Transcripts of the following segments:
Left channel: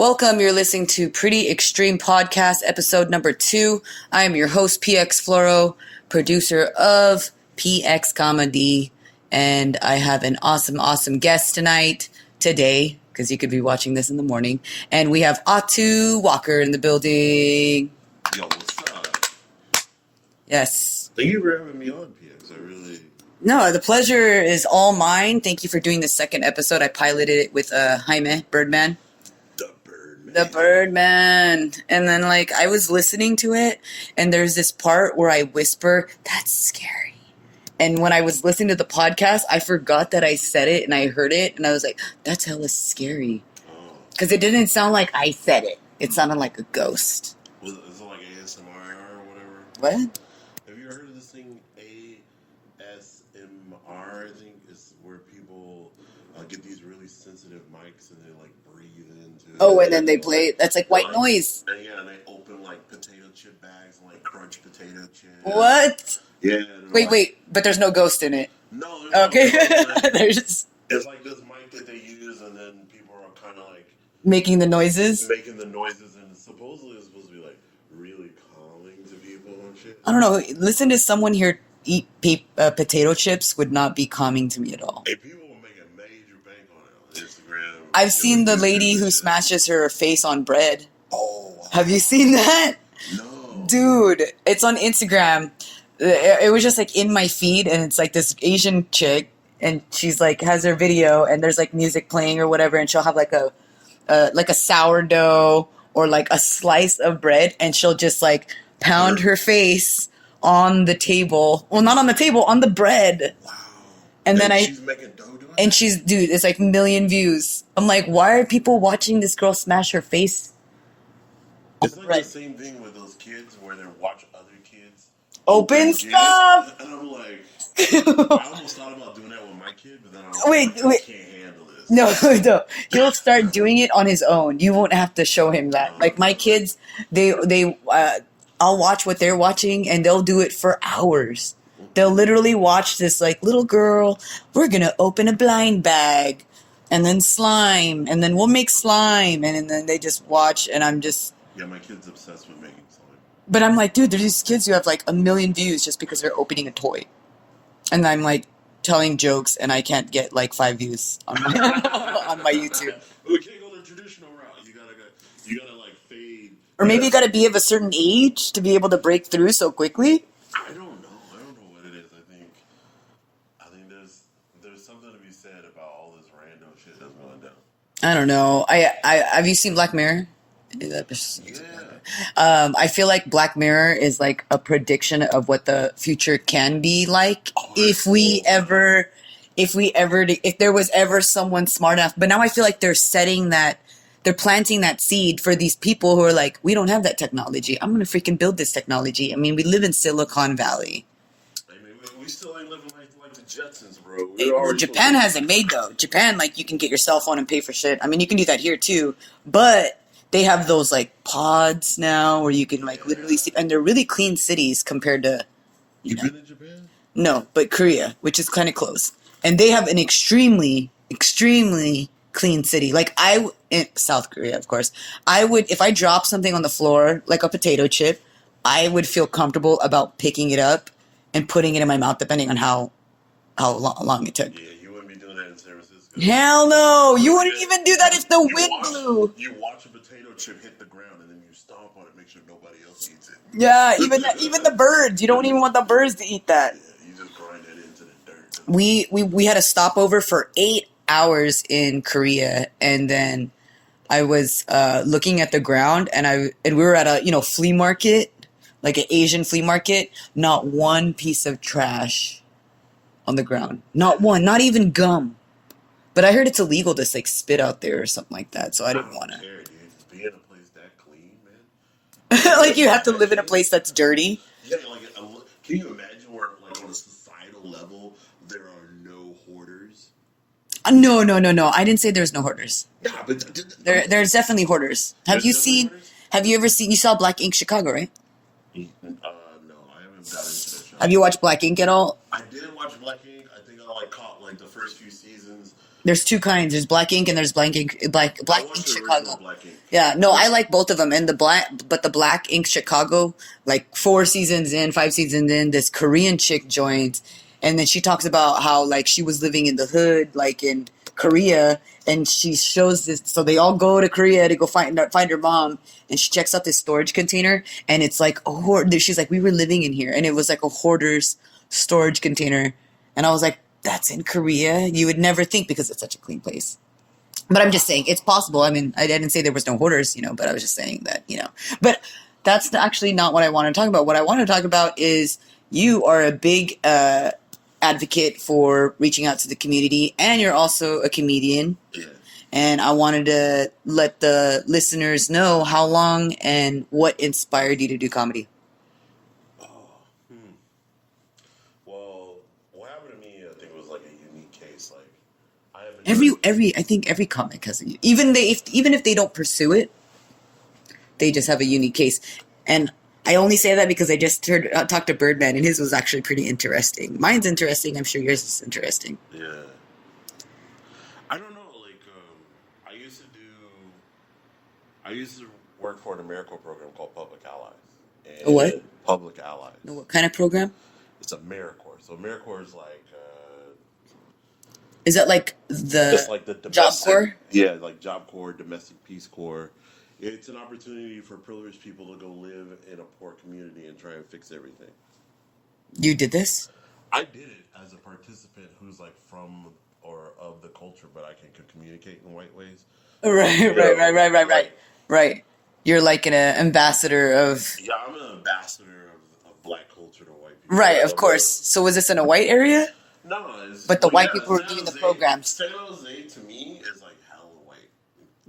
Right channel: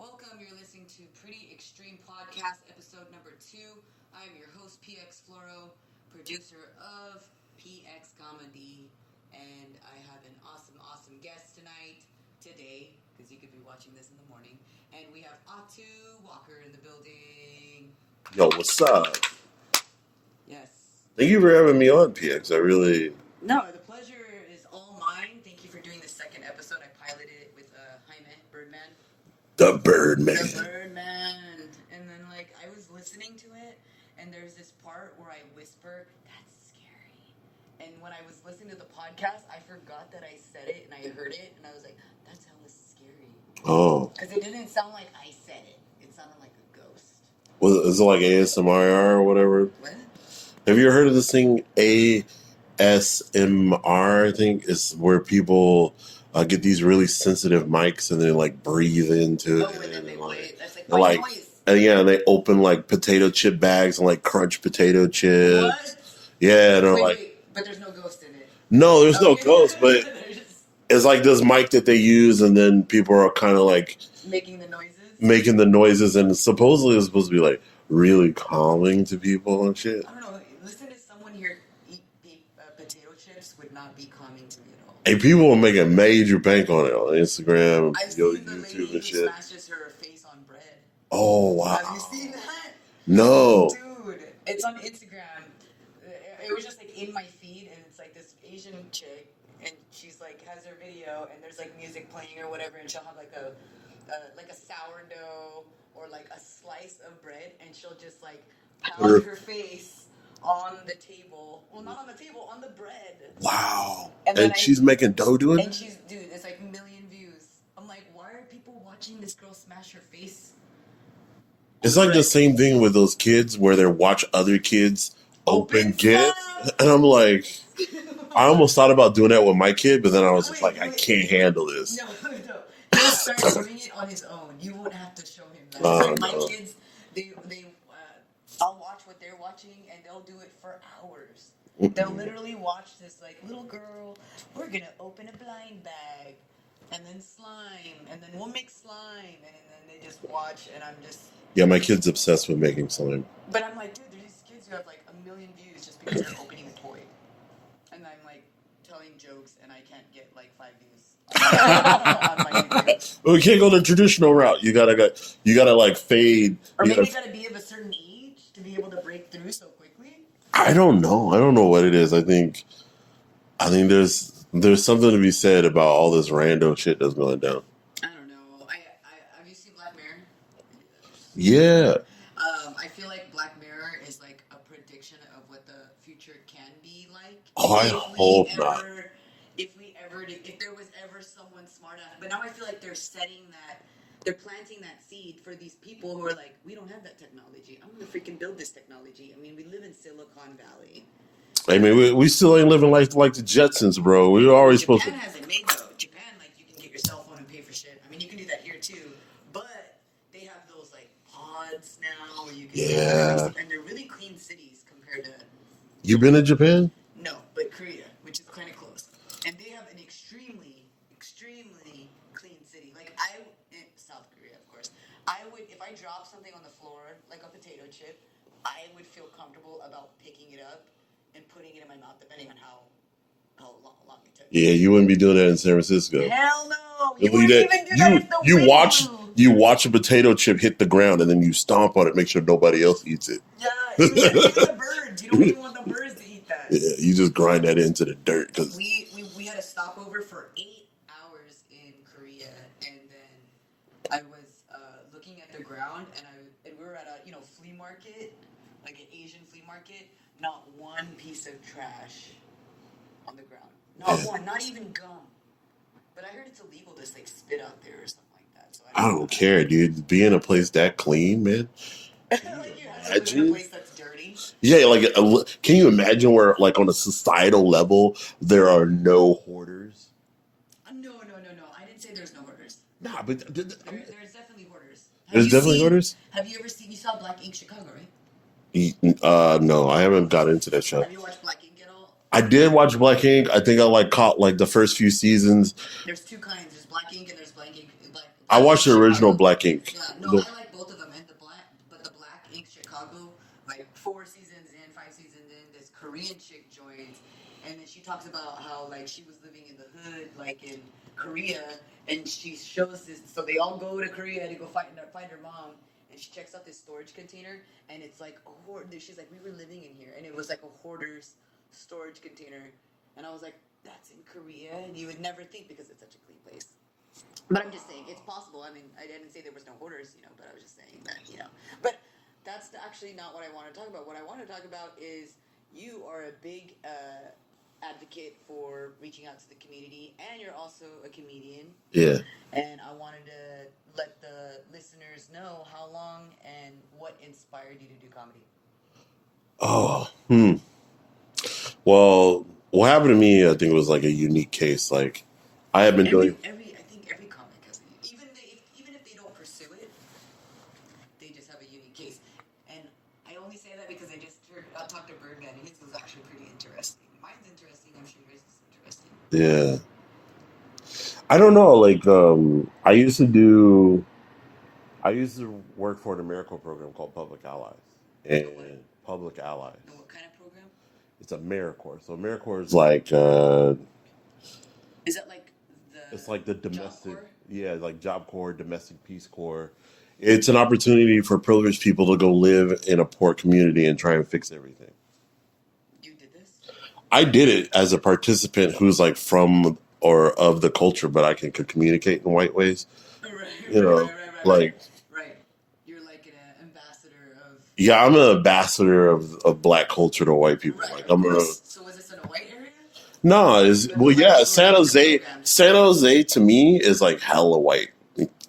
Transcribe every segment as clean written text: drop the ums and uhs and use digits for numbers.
Welcome. You're listening to Pretty Extreme Podcast, episode number 2. I am your host, PX Floro, producer of PX Comedy, and I have an awesome guest today, because you could be watching this in the morning, and we have Ato Walker in the building. Yo, what's up? Yes. Thank you for having me on, PX. No, the pleasure is all mine. Thank you for doing the second episode. I piloted it with Jaime, Birdman. The Birdman. And then, I was listening to it, and there's this part where I whisper, "That's scary." And when I was listening to the podcast, I forgot that I said it, and I heard it, and I was like, that's hella scary. Oh. Because it didn't sound like I said it. It sounded like a ghost. Well, is it like ASMR or whatever? What? Have you ever heard of this thing, ASMR, I think? It's where people get these really sensitive mics and they, breathe into it. Oh, and then they play. That's like white noise. And and they open, potato chip bags and, crunch potato chips. What? Yeah. And wait. But there's no ghost in it. No, there's no ghost, but there's... it's like this mic that they use, and then people are kind of making the noises? Making the noises, and supposedly it's supposed to be, really calming to people and shit. I don't know. Listen to someone here eat potato chips would not be calming to me at all. And people are making major bank on it on Instagram. I've seen the lady who smashes her face on bread. Oh, wow. Have you seen that? No. Dude, it's on Instagram. It was just in my feed, and it's this Asian chick, and she's has her video, and there's music playing or whatever, and she'll have a sourdough or a slice of bread, and she'll just pound her face on the table. Well, not on the table, on the bread. Wow. And then she's making dough doing it? And dude, it's million views. I'm why are people watching this girl smash her face? It's the same thing with those kids where they watch other kids open stuff. And I'm I almost thought about doing that with my kid, but then I was I can't handle this. No. He'll start doing it on his own. You won't have to show him that. My kids, I'll watch what they're watching, and they'll do it for hours. They'll literally watch this little girl, we're going to open a blind bag, and then slime, and then we'll make slime, and then they just watch, and I'm just... Yeah, my kid's obsessed with making slime. But I'm dude, there's these kids who have 1 million views just because they're opening a toy. And I'm telling jokes, and I can't get 5 views on my, on my YouTube. Well, we can't go the traditional route. You gotta fade. Or maybe you gotta be of a certain age to be able to break through so quickly. I don't know. I don't know what it is. I think there's something to be said about all this random shit that's going down. I don't know. I have you seen Black Mirror? Yeah. I feel like Black Mirror is a prediction of what the future can be like if there was ever someone smart enough. But now I feel they're they're planting that seed for these people who are we don't have that technology. I'm gonna freaking build this technology. I mean, we live in Silicon Valley. I mean, we still ain't living like the Jetsons, bro. We were always Japan has it made though. Japan, you can get your cell phone and pay for shit. I mean, you can do that here too, but they have those pods now where you can literally see, and they're really clean cities compared to. You've been to Japan? No, but Korea, which is kind of close, and they have an extremely clean city. In South Korea, of course, I would, if I drop something on the floor like a potato chip, I would feel comfortable about picking it up and putting it in my mouth, depending on how long it took. Yeah, you wouldn't be doing that in San Francisco. Hell no. You wouldn't even do that if the wind You watch a potato chip hit the ground, and then you stomp on it, make sure nobody else eats it. Yeah, even the birds. You don't even want the birds to eat that. Yeah, you just grind that into the dirt. We had a stopover for 8 hours in Korea, and then I was looking at the ground, and we were at a flea market, an Asian flea market. Not one piece of trash on the ground. Not one. Not even gum. But I heard it's illegal to spit out there or something like that. So I don't care, dude. Be in a place that clean, man. You have to live in a place that's dirty. Yeah, can you imagine where on a societal level there are no hoarders? No. I didn't say there's no hoarders. Nah, but there's definitely hoarders. Hoarders? Have you ever seen? You saw Black Ink Chicago, right? No, I haven't got into that show. Have you watched Black Ink at all? I did watch Black Ink. I think I caught the first few seasons. There's two kinds. There's Black Ink and there's Black Ink. Black I watched Ink the original Chicago. Black Ink. Yeah, no, I like both of them. And the Black Ink Chicago, like 4 seasons in, 5 seasons in, this Korean chick joins, and then she talks about how like she was living in the hood, like in Korea, and she shows this. So they all go to Korea to go find her mom, and she checks out this storage container, and it's like a hoard. She's like, we were living in here, and it was like a hoarder's storage container, and I was like, that's in Korea. You would never think because it's such a clean place. But I'm just saying it's possible. I mean, I didn't say there was no hoarders, but I was just saying that, But that's actually not what I want to talk about. What I want to talk about is you are a big advocate for reaching out to the community, and you're also a comedian. Yeah. And I wanted to let the listeners know how long and what inspired you to do comedy. Oh, Well, what happened to me, I think, was like a unique case. Like, I have been I think every comic has even if they don't pursue it, they just have a unique case. And I only say that because I just talked to Birdman, and his was actually pretty interesting. Mine's interesting. I'm sure yours is interesting. Yeah. I don't know. Like, I used to work for an AmeriCorps program called Public Allies. And What? Public Allies. What kind of program? It's AmeriCorps. So AmeriCorps is like is that like the it's like the domestic, Job Corps? Yeah, like Job Corps, Domestic Peace Corps. It's an opportunity for privileged people to go live in a poor community and try and fix everything. You did this? I did it as a participant who's like from or of the culture, but I can communicate in white ways. Right. You're like an ambassador of... Yeah, I'm an ambassador of black culture to white people. Right, of I'm course. So was this in a white area? No, But the white people San were doing the Jose. programs. San Jose to me is like hella white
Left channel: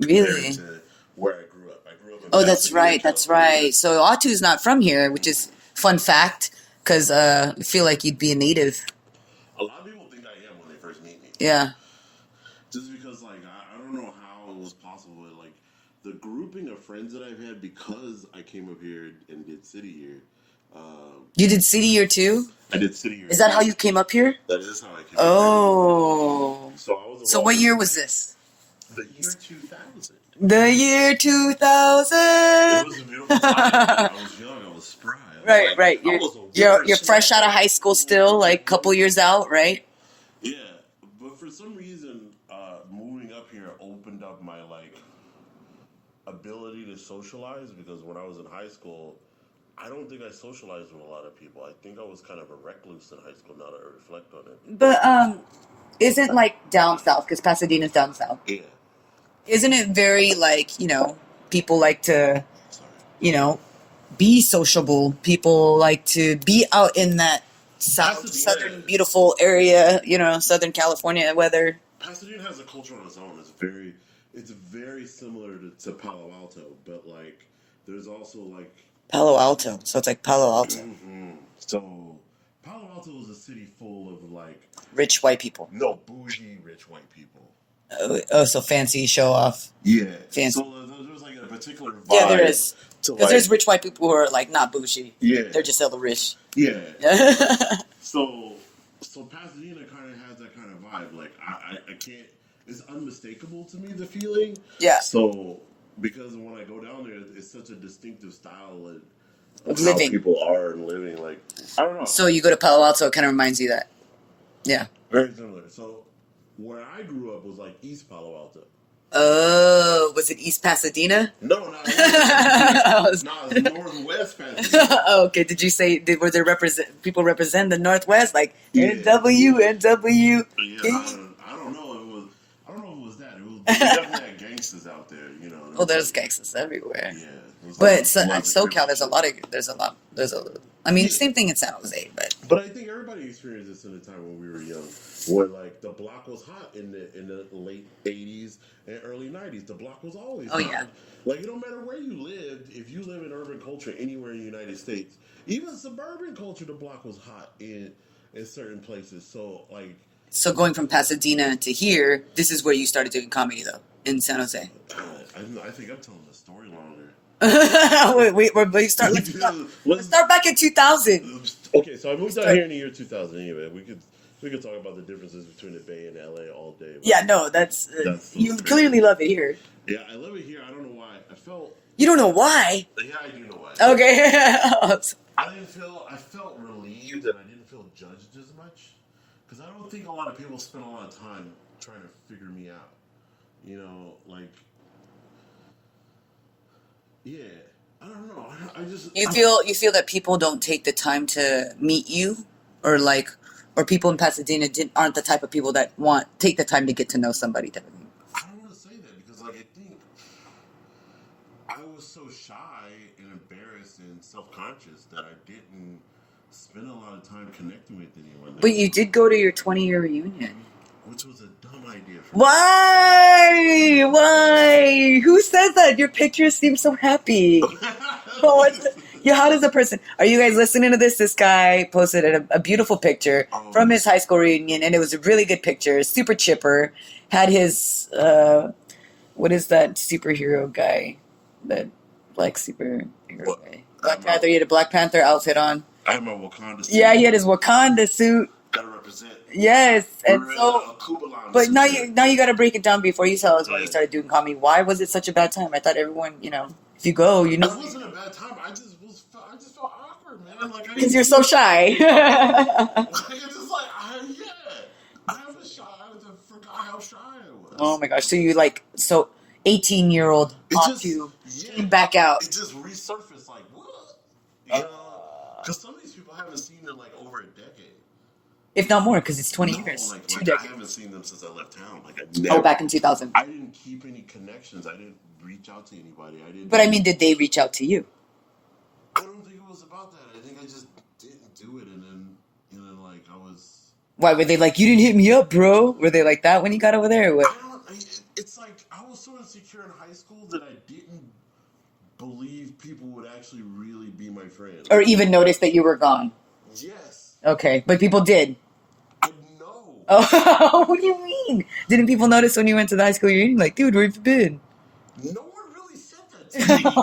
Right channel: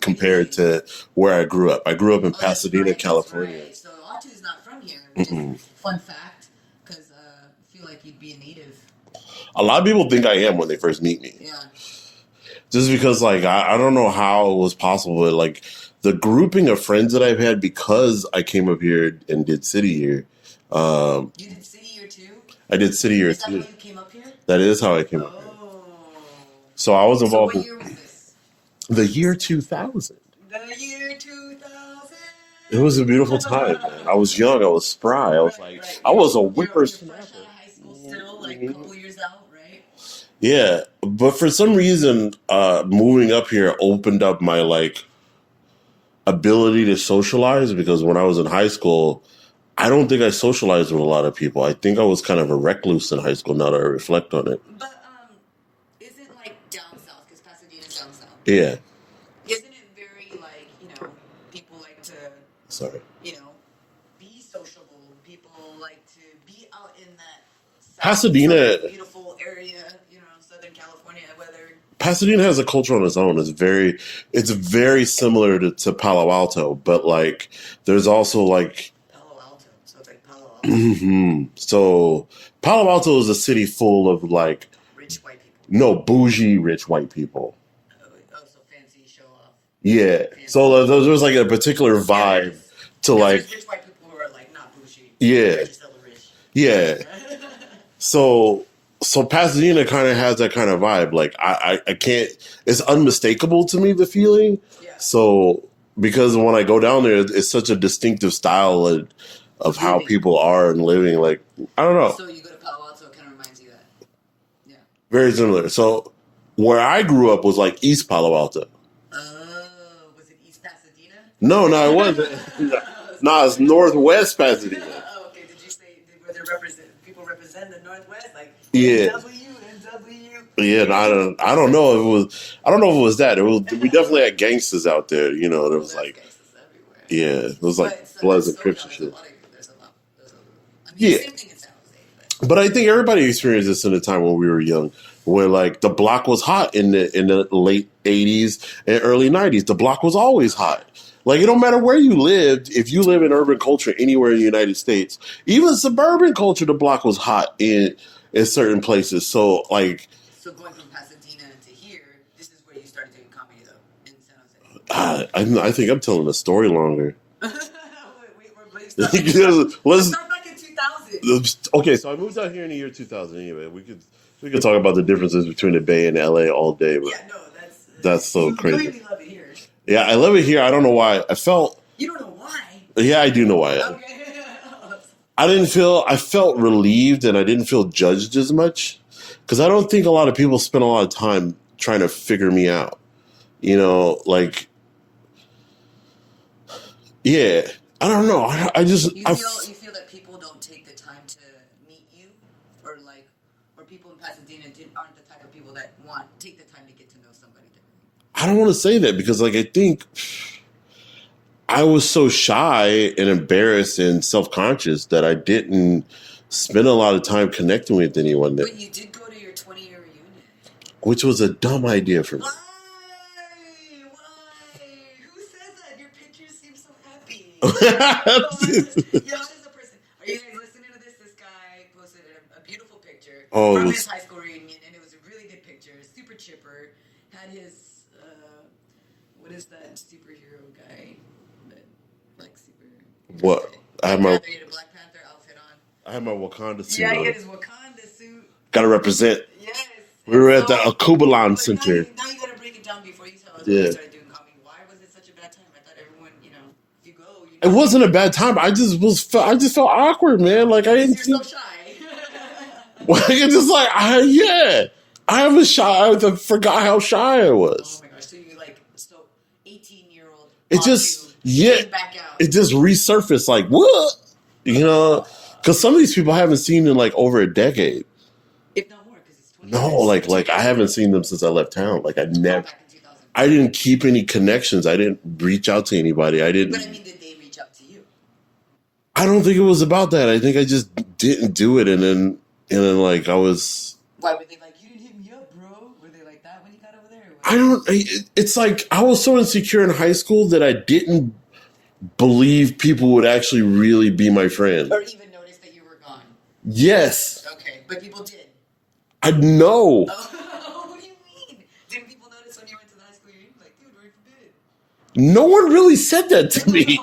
compared Really? to where I grew up. I grew up in Pasadena, California. That's right. So Atu's not from here, which is fun fact, because I feel like you'd be a native. A lot of people think I am when they first meet me. Yeah. Just because, like, I don't know how it was possible, but like the grouping of friends that I've had because I came up here and did City Year. You did City Year too? I did City Year. Is that how you came up here? That is how I came up here. Oh. So I was involved. So what year was this? The year 2000. The year 2000. It was a beautiful time. I was young. I was spry. I was Right. I was a whippersnapper. You're fresh out of high school still, like a couple years out, right? Yeah, but for some reason, moving up here opened up my like ability to socialize, because when I was in high school, I don't think I socialized with a lot of people. I think I was kind of a recluse in high school, now that I reflect on it. But isn't like down south, because Pasadena's down south. Yeah. Isn't it very like, people like to, be sociable. People like to be out in that Pasadena, beautiful area, Southern California weather. Pasadena has a culture on its own. It's very similar to Palo Alto, but like there's also like Palo Alto. So it's like Palo Alto. Mm-hmm. So Palo Alto is a city full of like rich white people. No, bougie rich white people. Oh, so fancy, show off. Yeah. Fancy. So there's like a particular vibe to like. There's rich white people who are like not bougie. Yeah. They're just hella rich. Yeah. So Pasadena kind of has that kind of vibe. Like I can't. It's unmistakable to me, the feeling. Yeah. So because when I go down there, it's such a distinctive style of how people are and living. Like I don't know. So you go to Palo Alto, it kind of reminds you that. Yeah. Very similar. So where I grew up was like East Palo Alto. Oh, was it East Pasadena? No, it wasn't. No, it's Northwest Pasadena. Oh, okay. Did you say were there people represent the Northwest, like Yeah. NW? Yeah, I don't know if it was. I don't know if it was that. We definitely had gangsters out there. Well, there's like, gangsters everywhere. Yeah, it was but like, in SoCal, there's a. I mean, same thing in San Jose, but I think everybody experienced this in a time when we were young, where like the block was hot in the late '80s and early '90s. The block was always hot. Yeah. Like it don't matter where you lived. If you live in urban culture anywhere in the United States, even suburban culture, the block was hot in certain places. So like. So going from Pasadena to here, this is where you started doing comedy, though, in San Jose. I think I'm telling the story longer. We start, Because let's start back in 2000. okay, so I moved out here in the year 2000. Anyway, we could talk about the differences between the Bay and LA all day. But Yeah, no, that's so you crazy. clearly love it here. Yeah, I love it here. I don't know why. You don't know why? Yeah, I do know why. Okay. I felt relieved and I didn't feel judged as much because I don't think a lot of people spend a lot of time trying to figure me out. You know, like, yeah, I don't know. I just you feel that people don't take the time to meet you, or people in Pasadena aren't the type of people that take the time to get to know somebody. I don't want to say that because, like, I think I was so shy and embarrassed and self-conscious that I didn't spend a lot of time connecting with anyone there. But you did go to your 20-year reunion. Which was a dumb idea for me. Why? Why? Who says that? Your pictures seem so happy. How does a person... Are you guys listening to this? This guy posted a beautiful picture from his high school reunion, and it was a really good picture. Super chipper. Had his... what is that superhero guy? That black superhero what? guy. He had a Black Panther outfit on. I had my Wakanda suit. Yeah, he had his Wakanda suit. Gotta represent. Yes. We were at the Akubalan But Center. now you got to break it down before you tell us when you started doing comedy. Why was it such a bad time? I thought everyone, if you go, It wasn't a bad time. I just felt awkward, man. Like you're so shy. I was shy. I forgot how shy I was. Oh my gosh. So 18-year-old came back out. It just resurfaced like, what? Because some of these people I haven't seen in like over a decade. If not more, because it's 20 years. No, like I haven't seen them since I left town. Like I never. back in 2000. I didn't keep any connections. I didn't reach out to anybody. I didn't. But I mean, did they reach out to you? I don't think it was about that. I think I just didn't do it, and then like I was. Why were they like, you didn't hit me up, bro? Were they like that when you got over there? I don't. It's like I was so insecure in high school that I didn't believe people would actually really be my friend, or even notice that you were gone. Yes. Okay, but people did. I know. Oh, what do you mean? Didn't people notice when you went to the high school reunion? Like, dude, where have you been? No one really said that to me.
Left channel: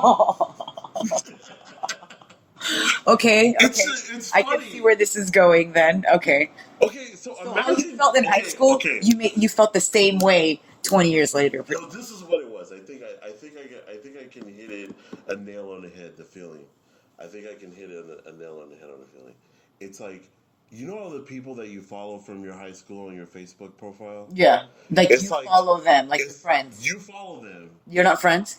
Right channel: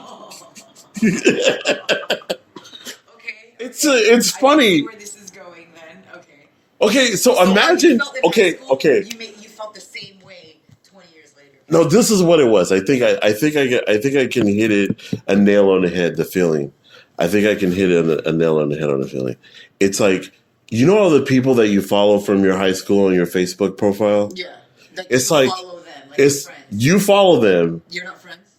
Okay. It's funny. I can see where this is going then. Okay. Okay, so imagine. You felt in high school, you felt the same way 20 years later. No, this is what it was. I think I can hit a nail on the head. The feeling. I think I can hit a nail on the head on the feeling. It's like, all the people that you follow from your high school on your Facebook profile? Yeah. Like, you follow them, like it's friends. You follow them. You're not friends?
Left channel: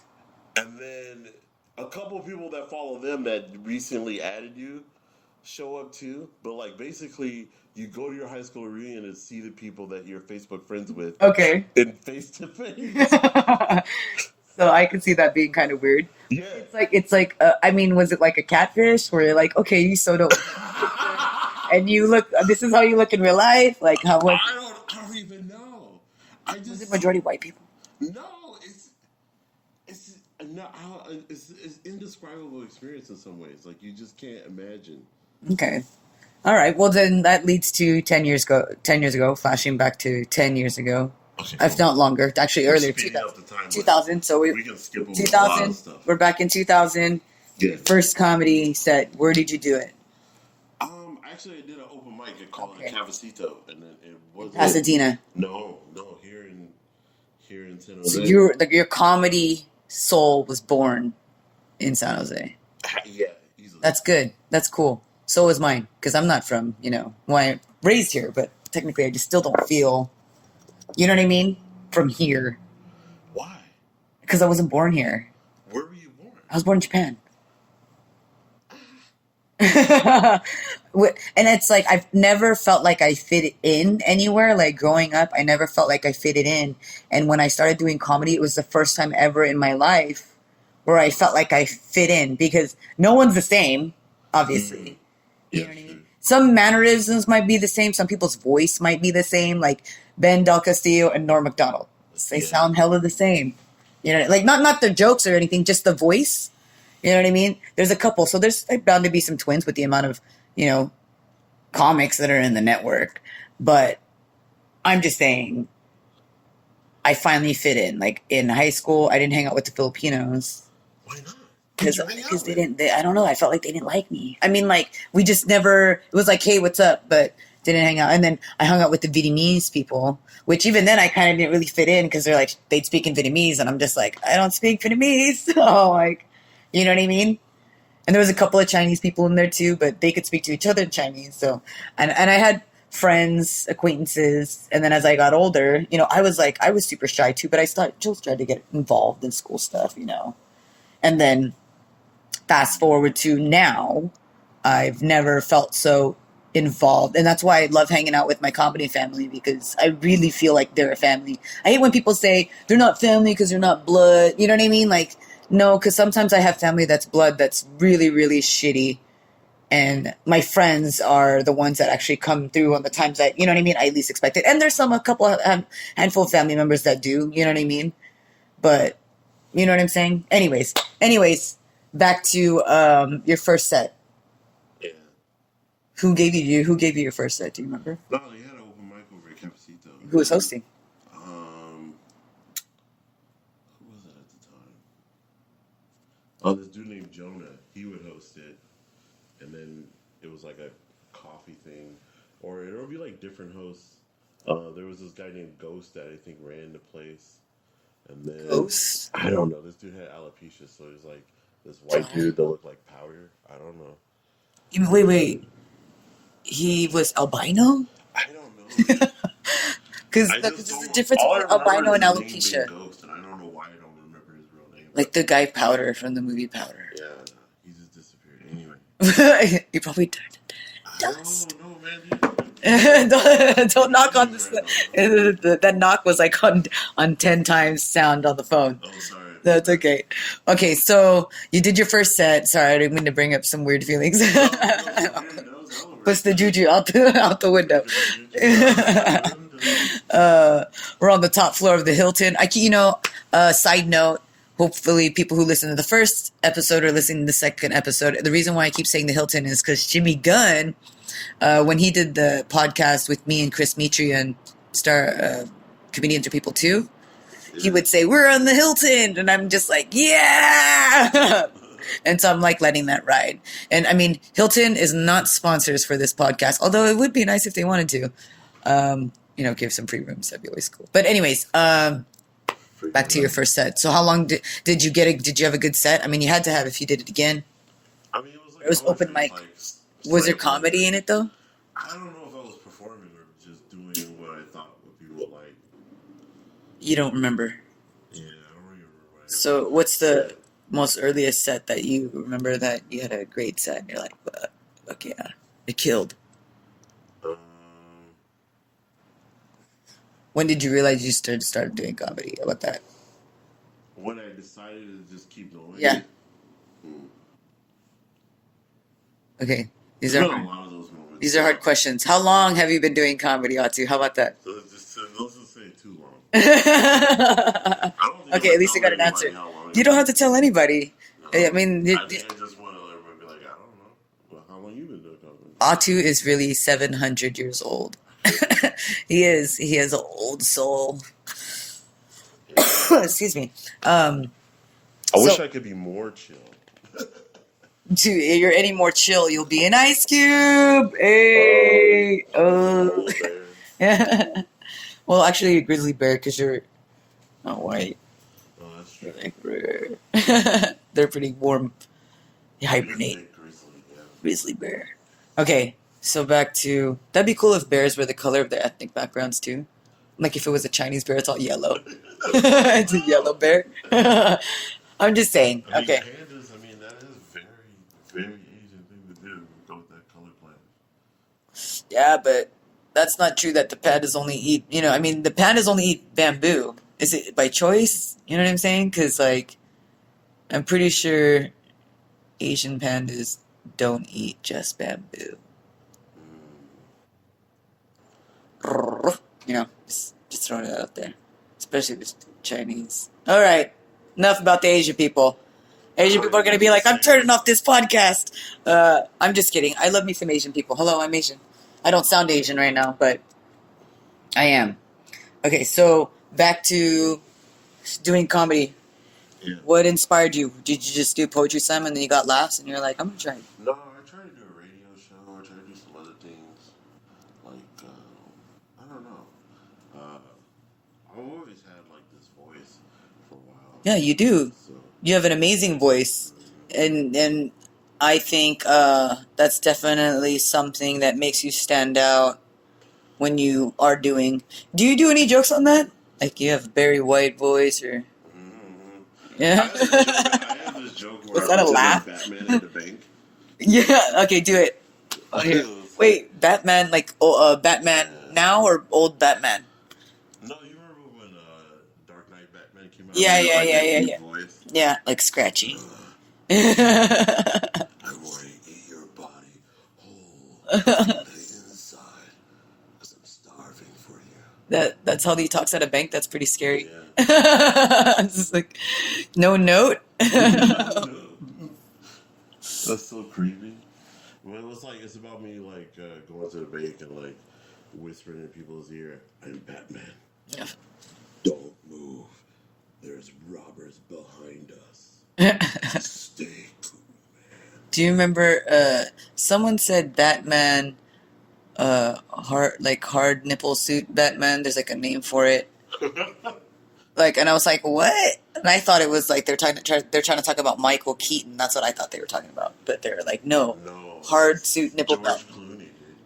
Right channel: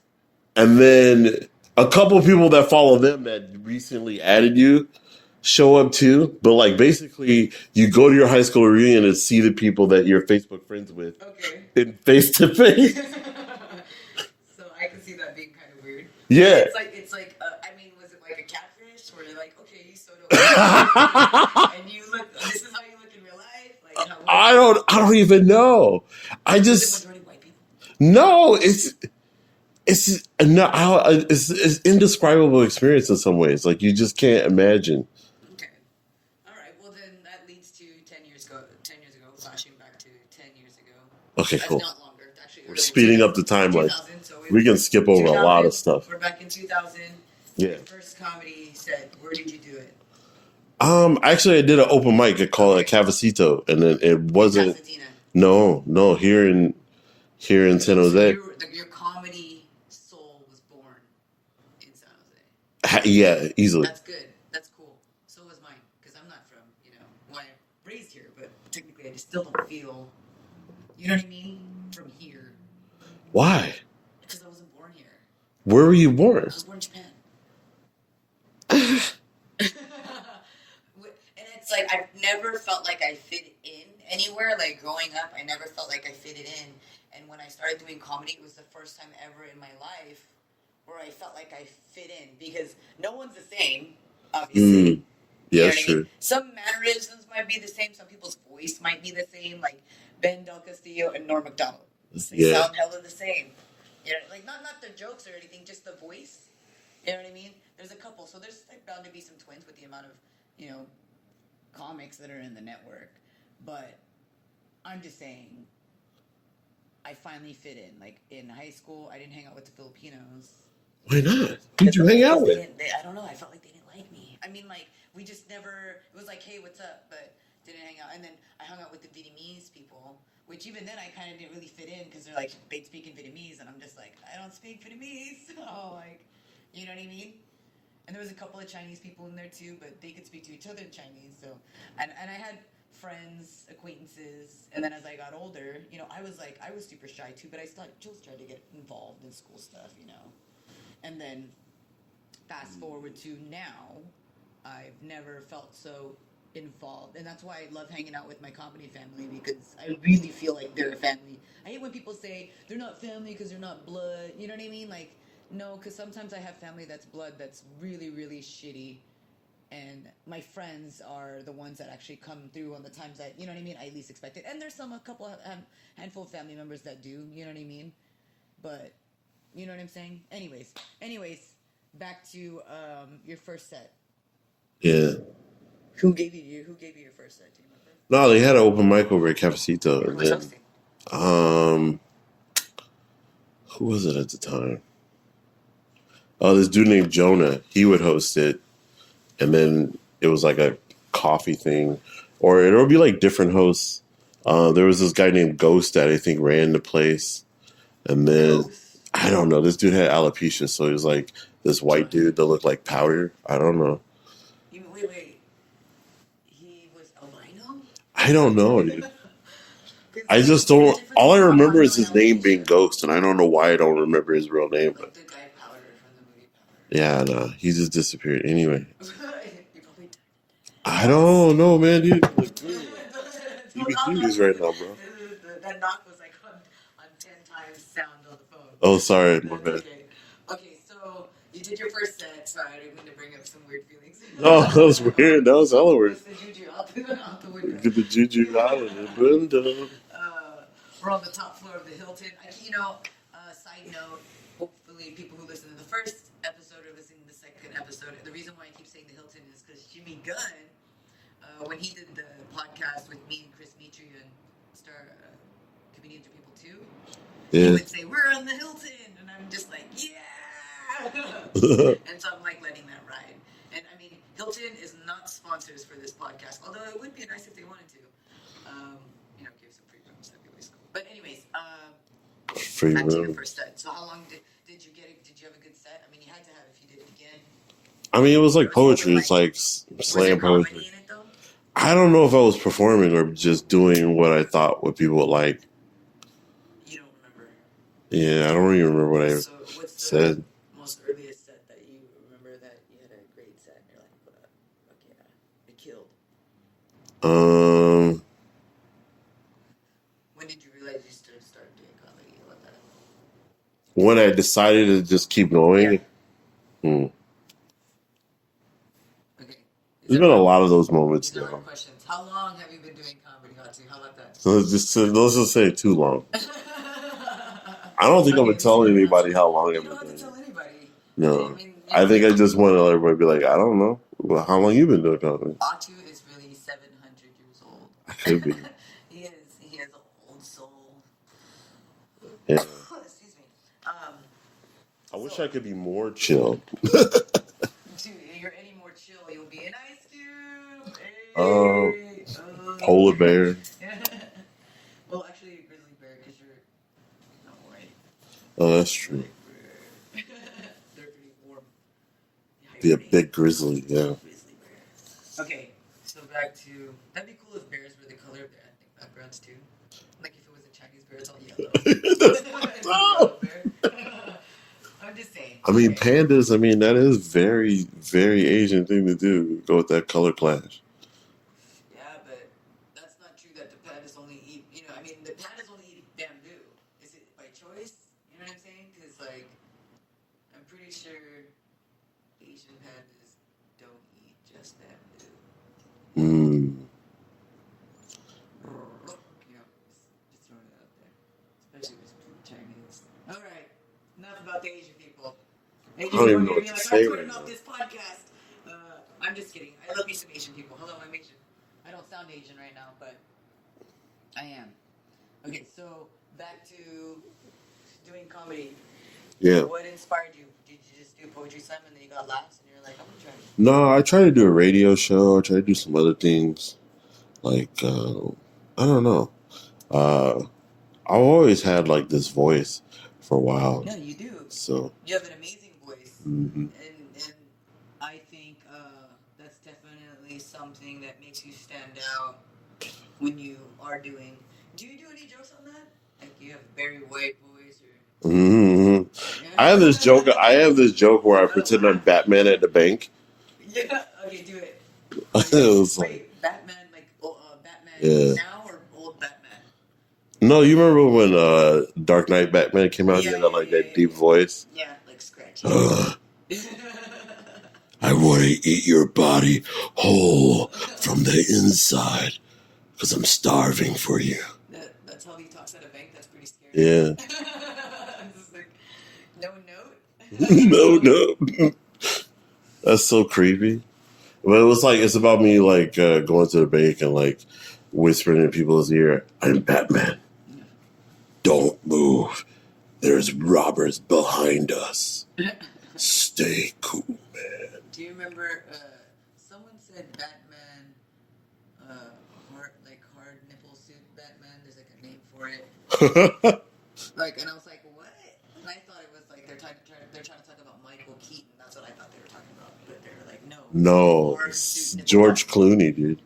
And then a couple of people that follow them that recently added you show up too. But, like, basically, you go to your high school reunion and see the people that you're Facebook friends with. Okay. In face-to-face. So I could see that being kind of weird. Yeah. It's like, I mean, was it like a catfish where you're like, okay, you so don't and this is how you look in real life? Like, how? I don't even know. Is it majority white people? No, it's indescribable experience in some ways. Like, you just can't imagine. Okay. All right. Well, then that leads to 10 years ago, flashing back to 10 years ago. Okay, cool. If not longer, actually earlier. Speeding up the timeline. 2000. So we can skip over a lot of stuff. We're back in 2000. Yeah. First comedy set. Where did you do it? Actually, I did an open mic called Cafecito, and then it wasn't Pasadena. No, here in San Jose. So your comedy soul was born in San Jose. Yeah, easily. That's good. That's cool. So was mine, because I'm not from I'm raised here, but technically I just still don't feel. You know what I mean? From here. Why? Because I wasn't born here. Where were you born? I was born in Japan. And it's like, I've never felt like I fit in anywhere. Like, growing up, I never felt like I fitted in. And when I started doing comedy, it was the first time ever in my life where I felt like I fit in, because no one's the same, obviously. Yeah, true. I mean? Some mannerisms might be the same. Some people's voice might be the same. Like Ben Del Castillo and Norm Macdonald. They sound hella the same. Like not the jokes or anything, just the voice. You know what I mean? There's a couple. So there's bound to be some twins with the amount of, comics that are in the network. But I'm just saying, I finally fit in. Like, in high school, I didn't hang out with the Filipinos. Why not? Who'd you hang out They with? didn't. I don't know. I felt like they didn't like me. I mean, like we just never. It was like, hey, what's up? But didn't hang out. And then I hung out with the Vietnamese people, which even then I kind of didn't really fit in because they're like they'd speak in Vietnamese, and I'm just like I don't speak Vietnamese. So like, you know what I mean? And there was a couple of Chinese people in there too, but they could speak to each other in Chinese. So and I had friends, acquaintances, and then as I got older, I was super shy too, but I still tried to get involved in school stuff, And then fast forward to now, I've never felt so involved. And that's why I love hanging out with my comedy family, because I really feel like they're a family. I hate when people say they're not family because they're not blood. You know what I mean? Like, no, because sometimes I have family that's blood that's really, really shitty. And my friends are the ones that actually come through on the times that, you know what I mean, I least expect it. And there's handful of family members that do, you know what I mean? But, you know what I'm saying? Anyways, back to your first set. Yeah. Who gave you your first set? Do you remember? No, they had an open mic over at Cafecito. Who was hosting? Who was it at the time? Oh, this dude named Jonah. He would host it, and then it was like a coffee thing, or it would be like different hosts. There was this guy named Ghost that I think ran the place, and then Ghost. I don't know. This dude had alopecia, so he was like this white dude that looked like powder. I don't know. Wait. He was albino? I don't know. Because I just don't. All I remember is his name being Ghost, and I don't know why I don't remember his real name. Like the guy Powder from the movie Powder. Yeah, no, he just disappeared. Anyway, he probably died. I don't know, man. Dude. don't knock on right now, that knock was like on 10 times sound on the phone. Oh, sorry. That's okay. Okay, so you did your first set. Sorry, I didn't mean to bring up some weird feelings. Oh, that was weird. That was hella weird. Push the juju out the window. The juju out the window. We're on the top floor of the Hilton. Side note. Hopefully people who listen to the first episode are listening to the second episode. The reason why I keep saying the Hilton is because Jimmy Gunn, when he did the podcast with me and Chris Mitri and Star Comedians Are People Too, he would say, we're on the Hilton. And I'm just like, yeah. And so I'm like letting that ride. And I mean, Hilton is not sponsors for this podcast, although it would be nice if they wanted to, give some free rooms. That'd be always cool. But anyways, back to your first set. So how long did you did you have a good set? I mean, you had to have if you did it again. I mean, it was like poetry. It's like was there comedy in it though? I don't know if I was performing or just doing what I thought what people would like. You don't remember? Yeah, I don't even remember what I said. So what's the most earliest set that you remember that you had a great set and you're like, fuck yeah, it killed? When did you realize you started doing comedy? How about that? When I decided to just keep going. Yeah. Okay. There's been a lot of those moments. These are hard questions. How long have you been doing comedy, Atu? How about that? So let's just say too long. I don't think I'm going to tell anybody how long. You don't have to tell anybody. No. I mean, I think I just want to let everybody be like, I don't know. Well, how long you been doing comedy? Atu is really 700 years old. He is. He has an old soul. Yeah. Excuse me. I wish I could be more chill. You're any more chill, you'll be an Ice Cube. Hey. Polar bear. Yeah. Well, actually, a grizzly bear because you're not white. Oh, that's true. They're pretty warm. Hibernate. Be a big grizzly, yeah. Grizzly bear. Okay, so back to... That'd be cool if bears were the color of their ethnic backgrounds, too. Like if it was a Chinese bear, it's all yellow. It's a yellow bear. I'm just saying. I mean, pandas, that is very, very Asian thing to do. Go with that color clash. Yeah, but that's not true that the pandas only eat... the pandas only eat bamboo. Is it by choice? You know what I'm saying? Because, I'm pretty sure... Asian pandas don't eat just bamboo. Just throwing it out there. Especially the Chinese. All right. Enough about the Asian people. Asian people are going to be like, I'm turning off this podcast. I'm just kidding. I love me some Asian people. Hello, I'm Asian. I don't sound Asian right now, but I am. Okay, so back to doing comedy. Yeah. What inspired you? Did you just do poetry slam and then you got laughs and you're like, I'm gonna try it? No, I try to do a radio show. I try to do some other things. Like, I don't know. Uh, I've always had like this voice for a while. Yeah, you do. So, You have an amazing voice, and I think that's definitely something that makes you stand out when you are doing. Do you do any jokes on that? Like you have Barry White voice, or yeah? I have this joke. I have this joke where I Was that a pretend I'm laugh? Batman at the bank. Yeah. Okay, do it. It was like- Wait, Batman, like Batman now or old Batman? no, you remember when Dark Knight Batman came out? Yeah, and he had, like that deep voice. Yeah, like scratchy. I want to eat your body whole from the inside because I'm starving for you. That's how he talks at a bank. That's pretty scary. Yeah. It's just like no note. No. That's so creepy. But it was like it's about me like going to the bank and like whispering in people's ear, "I'm Batman. Yeah. Don't move. There's robbers behind us. Stay cool, man." Do you remember? Someone said Batman, hard nipple suit Batman. There's like a name for it. Like, and I was like, what? And I thought it was like they're trying to talk about Michael Keaton. That's what I thought they were talking about. But they were like, no, hard suit nipple. George Clooney, dude.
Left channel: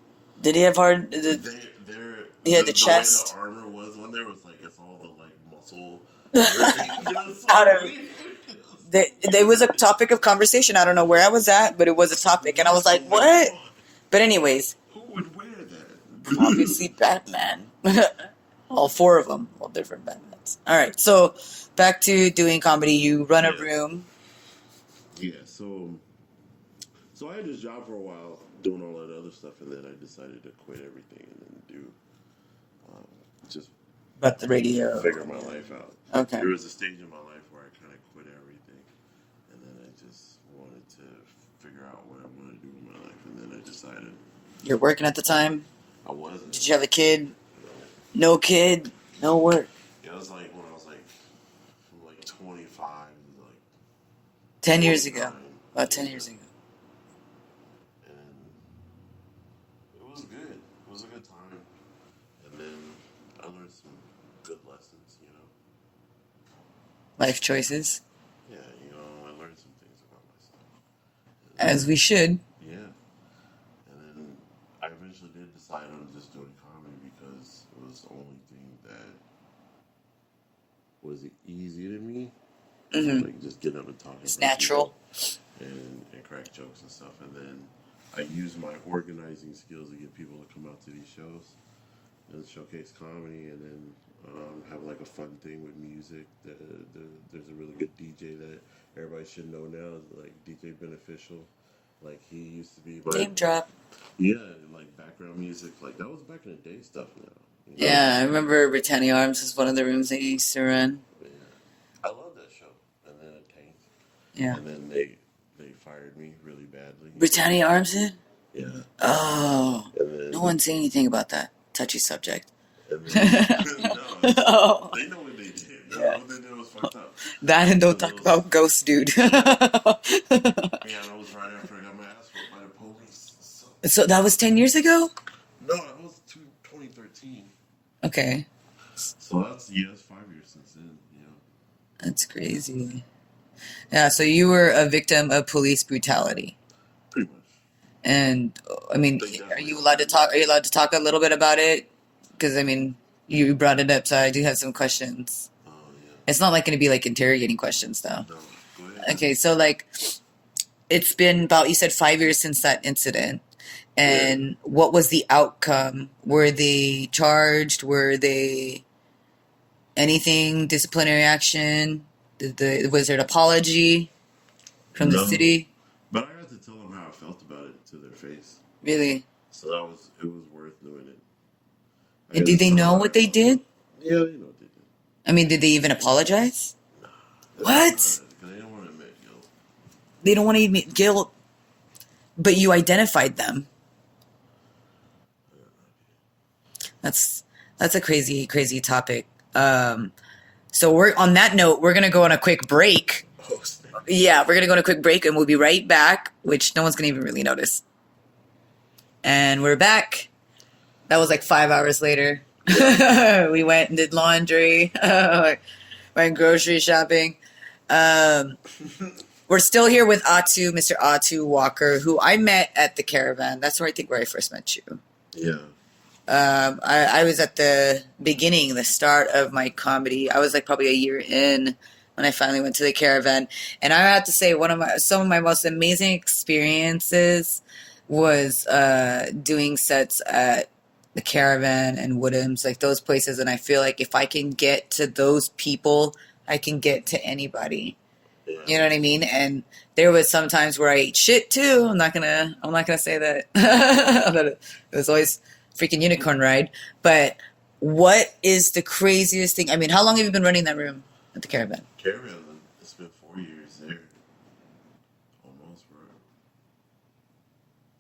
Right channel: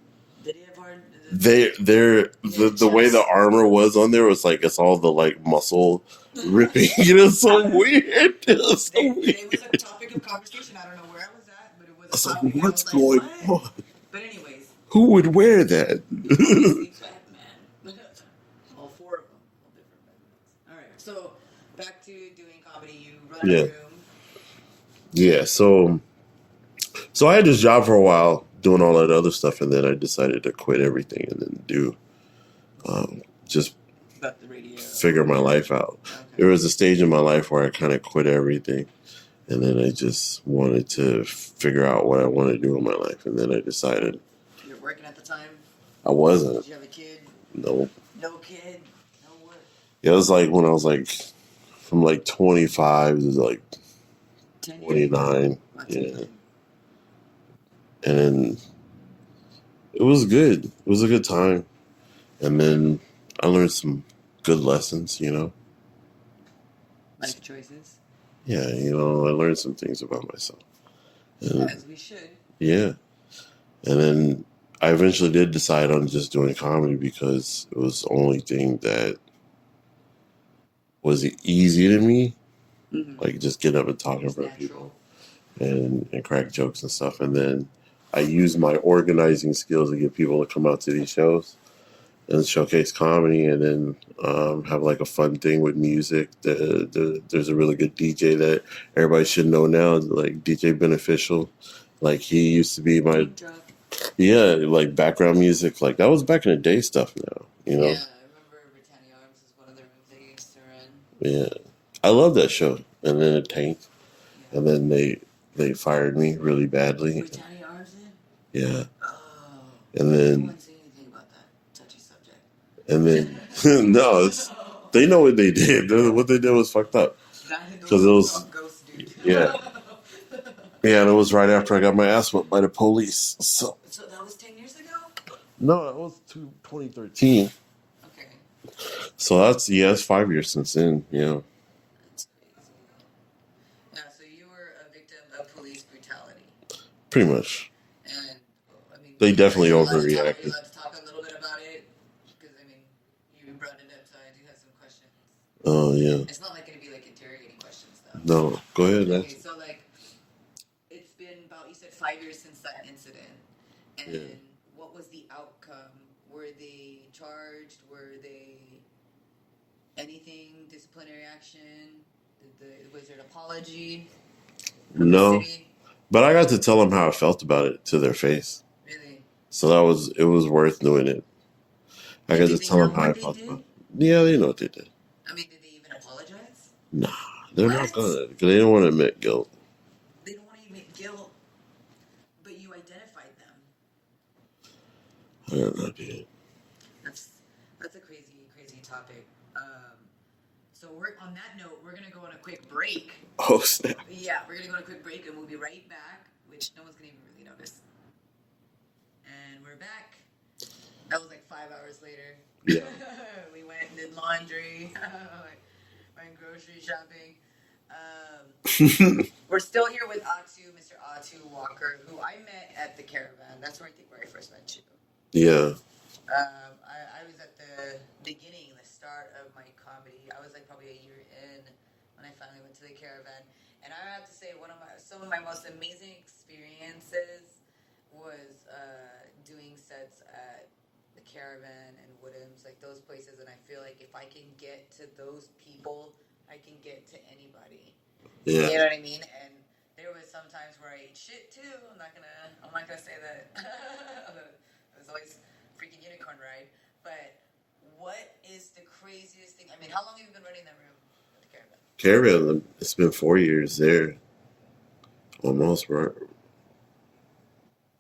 Did he have hard? The way the armor was on there was like it's all the like muscle ripping. You know, so weird. There was a topic of conversation. I don't know where I was at, but it was a topic, and I was like, what? On? But anyways, who would wear that? Obviously, Batman. All four of them, all different Batmans. All right, so back to doing comedy. You run a room. Yeah. So I had this job for a while doing all that other stuff, and then I decided to quit everything and then do just about the radio, figure my life out. Okay. There was a stage in my life where I kind of quit everything, and then I just wanted to figure out what I wanted to do in my life, and then I decided. You're working at the time? I wasn't. Did you have a kid? No. No kid, no work. It was like when I was like from like 25 to like 10 years 29. ago. About 10 years ago. And then it was good. It was a good time. And then I learned some good lessons, you know. Life choices. Yeah, you know, I learned some things about myself. And, as we should. Yeah. And then I eventually did decide on just doing comedy because it was the only thing that was easy to me. Mm-hmm. Like just getting up and talking about natural. And crack jokes and stuff. And then I used my organizing skills to get people to come out to these shows and showcase comedy, and then have like a fun thing with music. There's a really good DJ that everybody should know now, like DJ Beneficial. Like he used to be my name drop. Yeah, like background music. Like that was back in the day stuff now. You know? Yeah, I remember Britannia Arms was one of the rooms they used to run. Yeah. I love that show. And then it tanked. Yeah. And then they fired me really badly. Britannia Arms did? Yeah. Oh. And then no one say anything about that touchy subject. And then no, they know what they did. Yeah. What they did was fucked up. That and don't talk about Ghost, dude. Yeah. Yeah, and it was right after I got my ass whooped by the police. So that was 10 years ago? No, that was 2013. Okay. So that's 5 years since then. Yeah. That's crazy. Yeah, so you were a victim of police brutality. Pretty much. And I mean, they definitely are you allowed to talk a little bit about it? Because I mean, you brought it up, so I do have some questions. Oh yeah. It's not like going to be like interrogating questions, though. No, go ahead. Okay, so like, it's been about, you said 5 years since that incident, and what was the outcome? Were they charged? Were they anything disciplinary action? Was there an apology from the city? But I got to tell them how I felt about it to their face. Really? So it was worth doing it. And did they know what they did? Yeah, they know what they did. I mean, did they even apologize? Nah. They're not gonna, because they don't want to admit guilt. They don't want to admit guilt, but you identified them. I don't know, dude. That's a crazy, crazy topic. So we're on that note, we're gonna go on a quick break. Oh, snap. Yeah, we're gonna go on a quick break, and we'll be right back, which no one's gonna even really notice. And we're back. That was like 5 hours later. We went and did laundry, went grocery shopping. We're still here with Mr. Ato Walker, who I met at the Caravan. That's where I first met you. Yeah. I was at the beginning, the start of my comedy. I was like probably a year in when I finally went to the Caravan. And I have to say, some of my most amazing experiences was doing sets at the Caravan and Woodham's, like those places. And I feel like if I can get to those people, I can get to anybody. Yeah. You know what I mean? And there was some times where I ate shit too. I'm not gonna say that. It was always freaking unicorn ride. But what is the craziest thing? I mean, how long have you been running that room at the Caravan? Caravan, it's been 4 years there. Almost. We're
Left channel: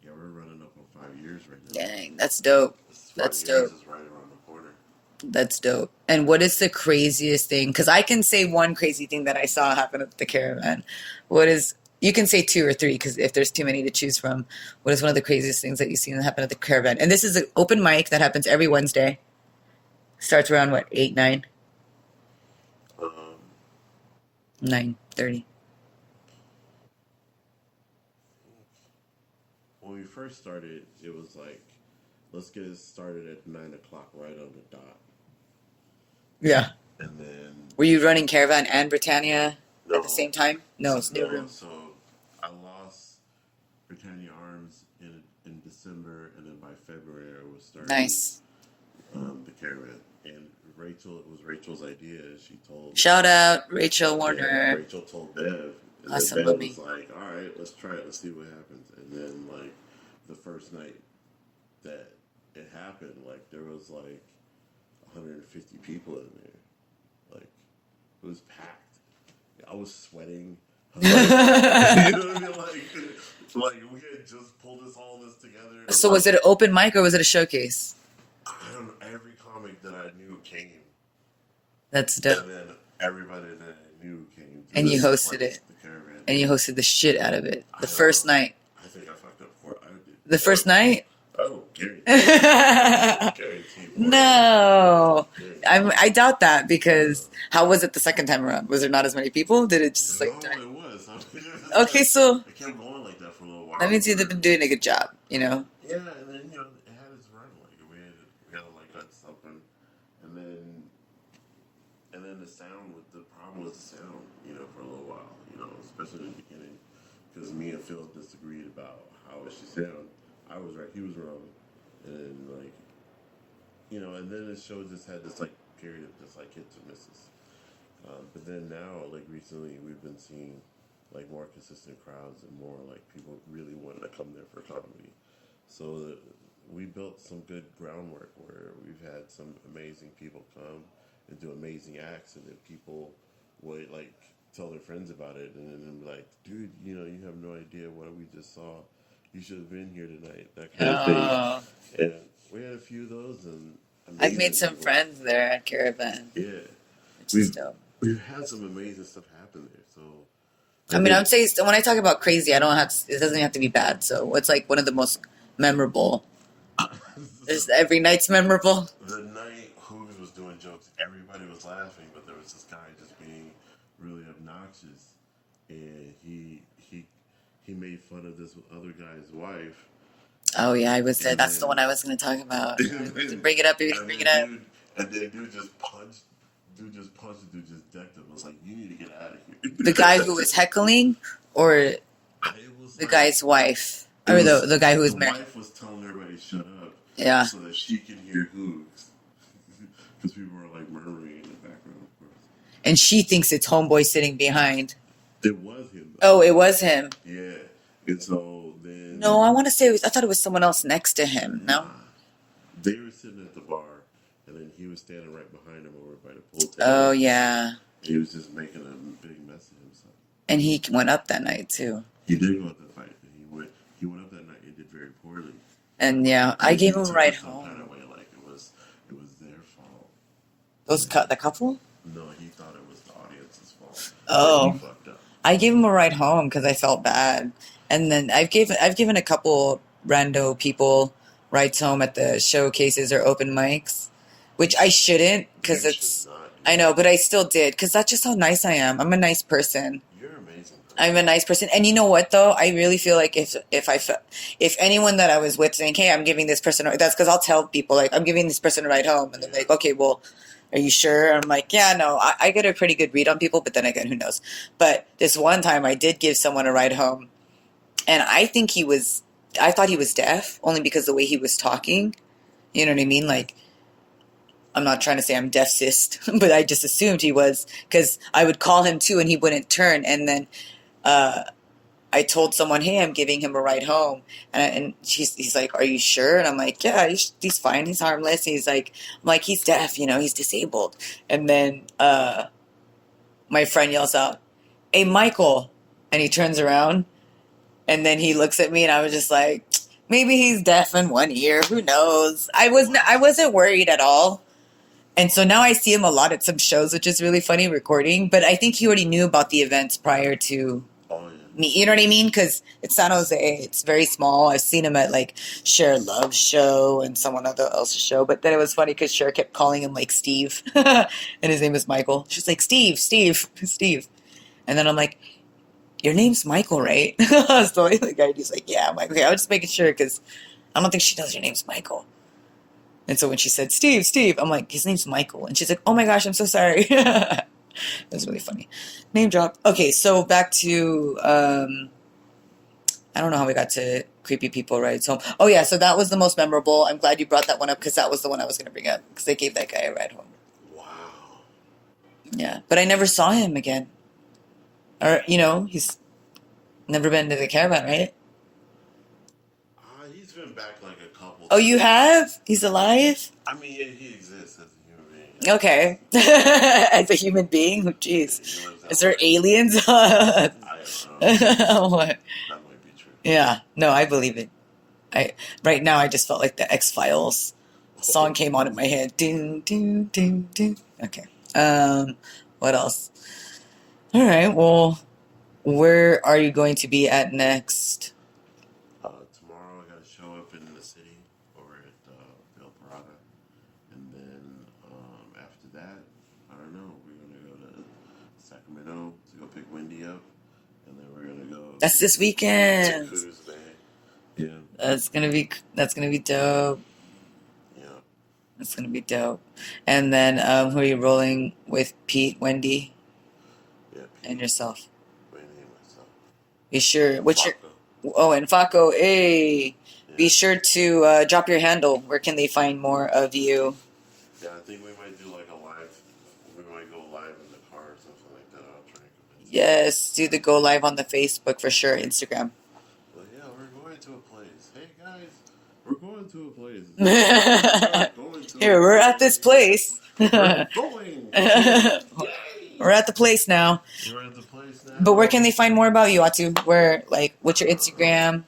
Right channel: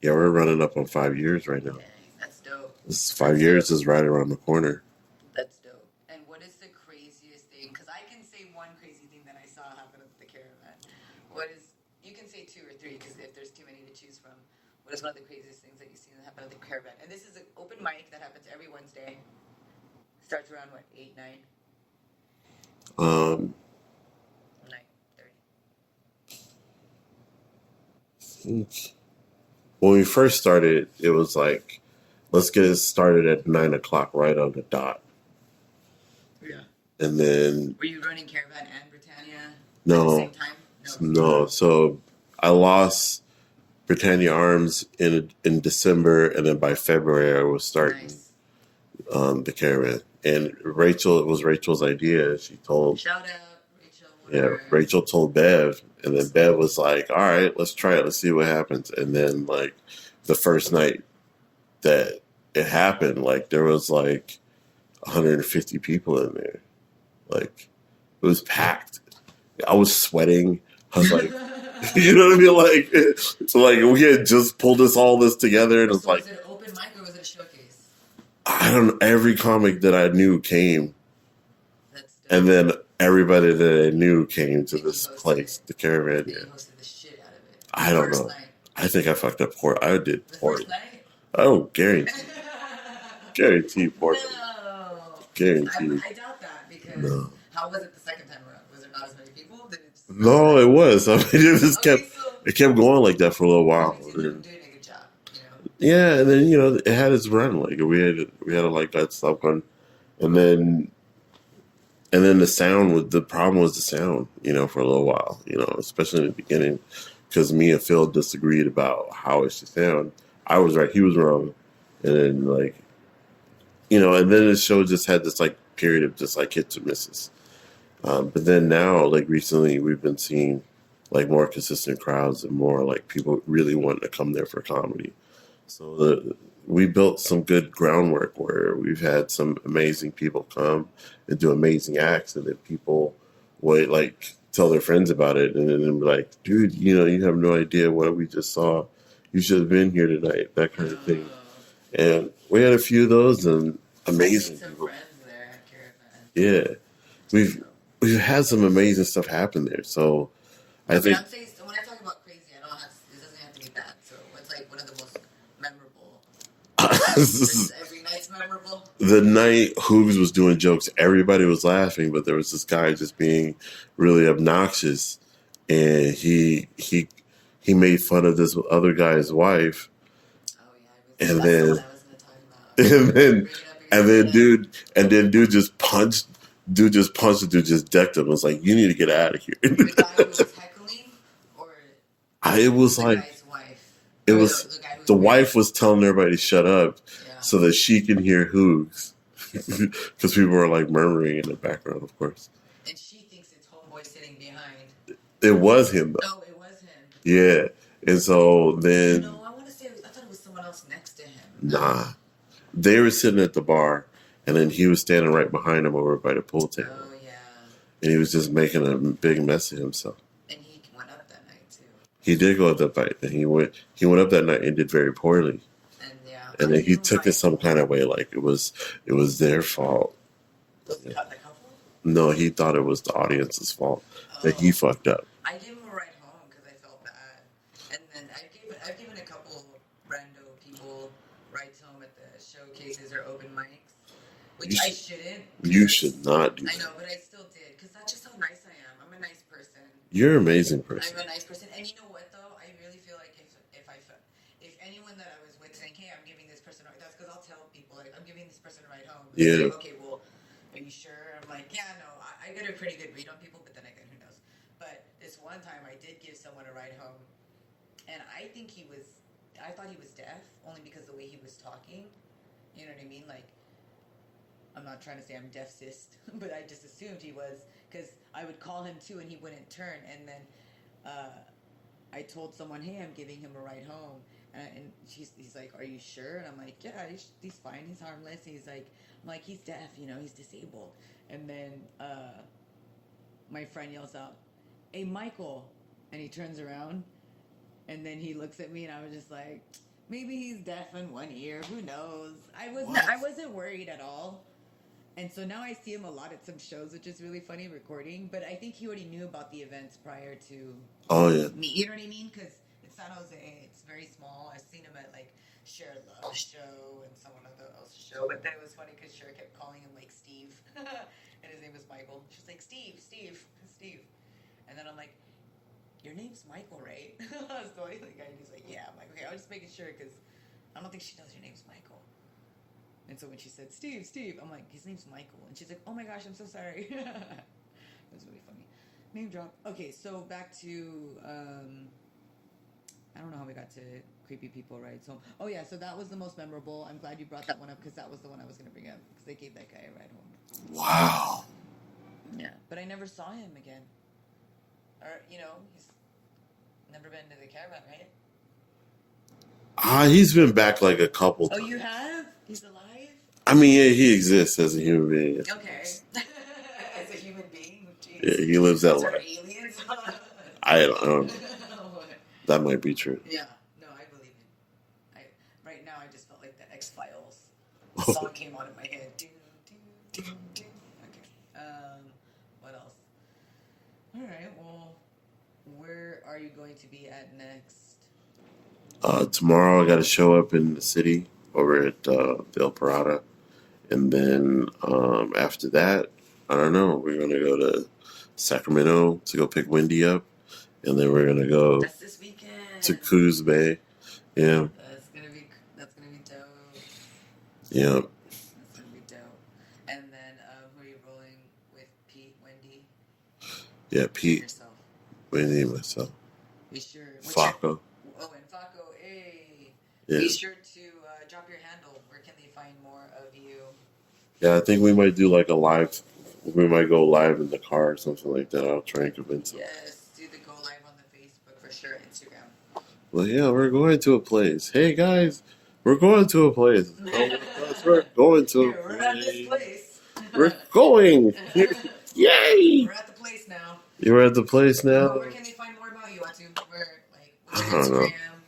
running up on 5 years right now. Dang, that's dope. This 5 years is right around the corner. That's dope. And what is the craziest thing? Because I can say one crazy thing that I saw happen at the Caravan. You can say 2 or 3, because if there's too many to choose from, what is one of the craziest things that you've seen happen at the Caravan? And this is an open mic that happens every Wednesday. Starts around, 8, 9? 9:30. When we first started, it was like, let's get it started at 9 o'clock right on the dot. Yeah. And then... Were you running Caravan and Britannia at the same time? No. So I lost Britannia Arms in December, and then by February I was starting the Caravan. And it was Rachel's idea. She told... Shout out, Rachel Warner. Yeah, Rachel told Bev, and then Bev was like, all right, let's try it. Let's see what happens. And then, like, the first night that it happened, like, there was, like, 150 people in there. Like, it was packed. I was sweating. I was like, you know what I mean? Like, so, like, we had just pulled all this together. So was it an open mic or was it a showcase? I don't know. Every comic that I knew came. That's dope. And then everybody that I knew came to and this you hosted place, it. the Caravan. And you hosted the shit out of it. The I don't first know. night. I think I fucked up poor. I did. The first night? Oh, Gary. Gary T. No. Gary I doubt that, because how was it the second time around? Was there not as many people? Did it just... No, it was. I mean, it kept going like that for a little while. That means you've been doing a good job, you know? Yeah, and then, you know, it had its run. Like, we had to like, that stuff going. And then the problem was the sound, you know, for a little while, you know, especially in the beginning, because me and Phil disagreed about how it should sound. I was right, he was wrong. And then, like, you know, and then the show just had this, like, period of just, like, hits and misses. But then now, like, recently, we've been seeing, like, more consistent crowds and more, like, people really wanting to come there for comedy. So we built some good groundwork where we've had some amazing people come and do amazing acts, and then people would, like, tell their friends about it, and then be like, dude, you know, you have no idea what we just saw. You should have been here tonight, that kind of thing. And we had a few of those, and amazing. I made some friends there at Caravan. Yeah. We've had some amazing stuff happen there. So I mean, I would say, when I talk about crazy, it doesn't have to be bad. So what's, like, one of the most memorable? Is every night's memorable? The night Hoogs was doing jokes, everybody was laughing, but there was this guy just being really obnoxious, and he made fun of this other guy's wife. Oh yeah, I was there. That's the one I was going to talk about. And then, bring it up. Dude just punched. Dude just decked him. It was like, you need to get out of here. The guy who was heckling, or it was the like guy's wife, or the guy who was the married. wife was telling everybody to shut up, so that she can hear Hoogs, because people were like murmuring in the background, of course. And she thinks it's homeboy sitting behind. It was him, though. Oh, it was him. Yeah. And so then... No, I want to say... I thought it was someone else next to him. No? Nah. They were sitting at the bar, and then he was standing right behind them over by the pool table. Oh, yeah. And he was just making a big mess of himself. And he went up that night, too. He did go up that night. And he went up that night and did very poorly. And, yeah, and I gave him he took it some kind of way, like it was their fault. The couple? No, he thought it was the audience's fault that he Oh, fucked up. I gave him a ride home because I felt bad, and then I've given a couple rando people rides home at the showcases or open mics, which I shouldn't because You should it's not do I that. know, but I still did because that's just how nice I am. I'm a nice person. You're an amazing person. I'm a nice person, and you know what though? I really feel like if anyone that I was with saying, "Hey, I'm giving this person," that's because I'll tell people like I'm giving this person a ride home, and they're Yeah. like, "Okay, well, are you sure?" I'm like, "Yeah, no, I get a pretty good read on people, but then again, who knows?" But this one time, I did give someone a ride home, and I thought he was deaf only because the way he was talking. You know what I mean? Like, I'm not trying to say I'm deaf cyst, but I just assumed he was because I would call him too, and he wouldn't turn, and then. I told someone, "Hey, I'm giving him a ride home," and he's like, "Are you sure?" And I'm like, "Yeah, he's fine. He's harmless." He's like, "I'm like, he's deaf, he's disabled." And then my friend yells out, "Hey, Michael!" And he turns around, and then he looks at me, and I was just like, "Maybe he's deaf in one ear. Who knows?" I wasn't worried at all. And so now I see him a lot at some shows, which is really funny recording. But I think he already knew about the events prior to Oh yeah. me. You know what I mean? Because it's San Jose. It's very small. I've seen him at like Cher Love's show and someone else's show. But then it was funny because Cher kept calling him like Steve. And his name is Michael. She's like, "Steve, Steve, Steve." And then I'm like, "Your name's Michael, right?" So the guy, he's like, "Yeah, Michael." Okay, I was just making sure because I don't think she knows your name's Michael. And so when she said, "Steve, Steve," I'm like, "His name's Michael." And she's like, "Oh my gosh, I'm so sorry." It was really funny. Name drop. Okay, so back to I don't know how we got to creepy people rides home. Oh yeah, so that was the most memorable. I'm glad you brought that one up because that was the one I was going to bring up because they gave that guy a ride home. Wow. Yeah, but I never saw him again. Or he's never been to the caravan, right? He's been back like a couple Oh, times. you have? He's alive? I mean, yeah, he exists as a human being. Okay. As a human being? Jeez. Yeah, he lives that Is there life. aliens? I don't know. What? That might be true. Yeah. No, I believe it. Right now I just felt like the X-Files song came on in my head. Ding, ding, ding, ding. Okay. What else? All right. Well, where are you going to be at next? Tomorrow I got to show up in the city over at Del Parada. And then after that, I don't know. We're going to go to Sacramento to go pick Wendy up. And then we're going to go That's this weekend. to Coos Bay. Yeah. That's gonna be dope. Yeah. That's gonna be dope. And then who are you rolling with? Pete, Wendy, Yeah, and Pete, yourself. Wendy, and myself. Be sure. What's your? Flacco. Oh, and Faco. Hey, Yeah. be sure to drop your handle. Where can they find more of you? Yeah, I think we might do like a live. We might go live in the car or something like that. I'll try and convince them. Yes, do the go live on the Facebook for sure. Instagram. Well, yeah, we're going to a place. Hey, guys, we're going to a place. We're going to Here, we're at this place. We're going. Yay! We're at the place now. You're at the place now? But where can they find more about you, Atu? Where, like, what's your I don't know. Instagram?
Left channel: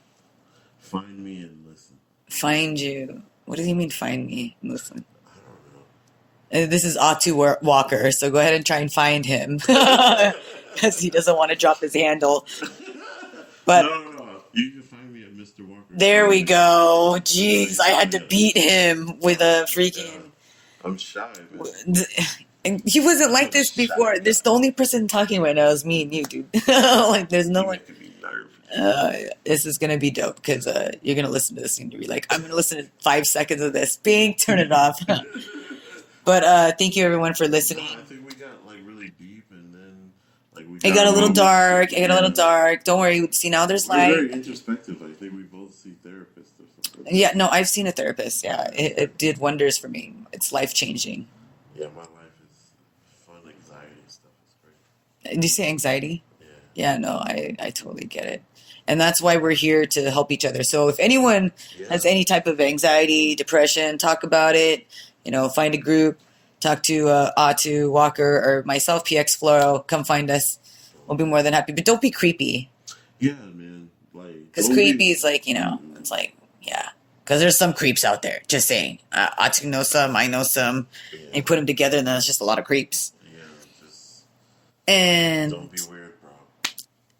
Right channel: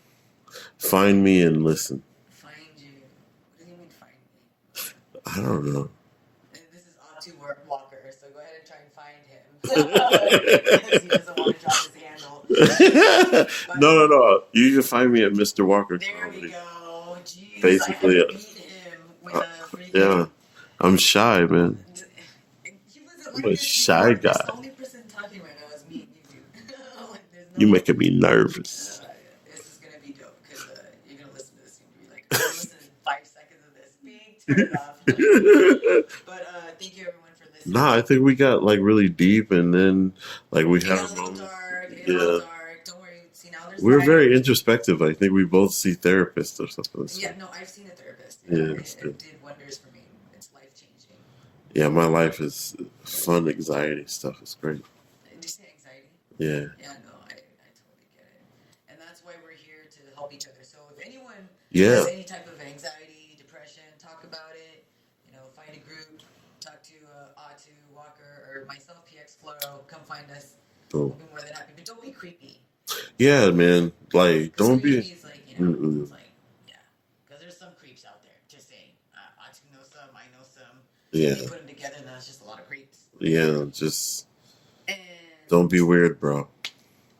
Find me and listen. Find you. What does he mean, find me? Listen. I don't know. This is Ato Walker, so go ahead and try and find him because he doesn't want to drop his handle. But no. You can find me at Mr. Walker. there we go. Jeez, I had to Basically, beat him with a freaking. Yeah, I'm shy, man. And he wasn't like I'm a this shy before. guy. This the only person talking right now is me and you, dude. Like, there's no You're one. making me nervous. This is gonna be dope because you're gonna listen to this and you'll be like, I'm gonna listen to 5 seconds of this. Bing, turn it off. But thank you everyone for listening. Nah, I think we got like really deep, and then like we. It got a little dark. It got a little dark. Don't worry. See, now there's We're light. very introspective. I think we both see therapists or something. Yeah, no, I've seen a therapist. Yeah, Yeah, it did wonders for me. It's life changing. Yeah, my life is fun. Anxiety stuff is great. Did you say anxiety? Yeah. Yeah, no, I totally get it. And that's why we're here to help each other. So if anyone Yeah. has any type of anxiety, depression, talk about it. Find a group, talk to Ato Walker or myself, PX Floro. Come find us. Cool. We'll be more than happy. But don't be creepy. Yeah, man. Like, Because don't creepy be. is like, Mm-mm. it's like, yeah. Because there's some creeps out there. Just saying. Atu knows some. I know some. Yeah. And you put them together, and then it's just a lot of creeps. Yeah, just And don't be weird, bro.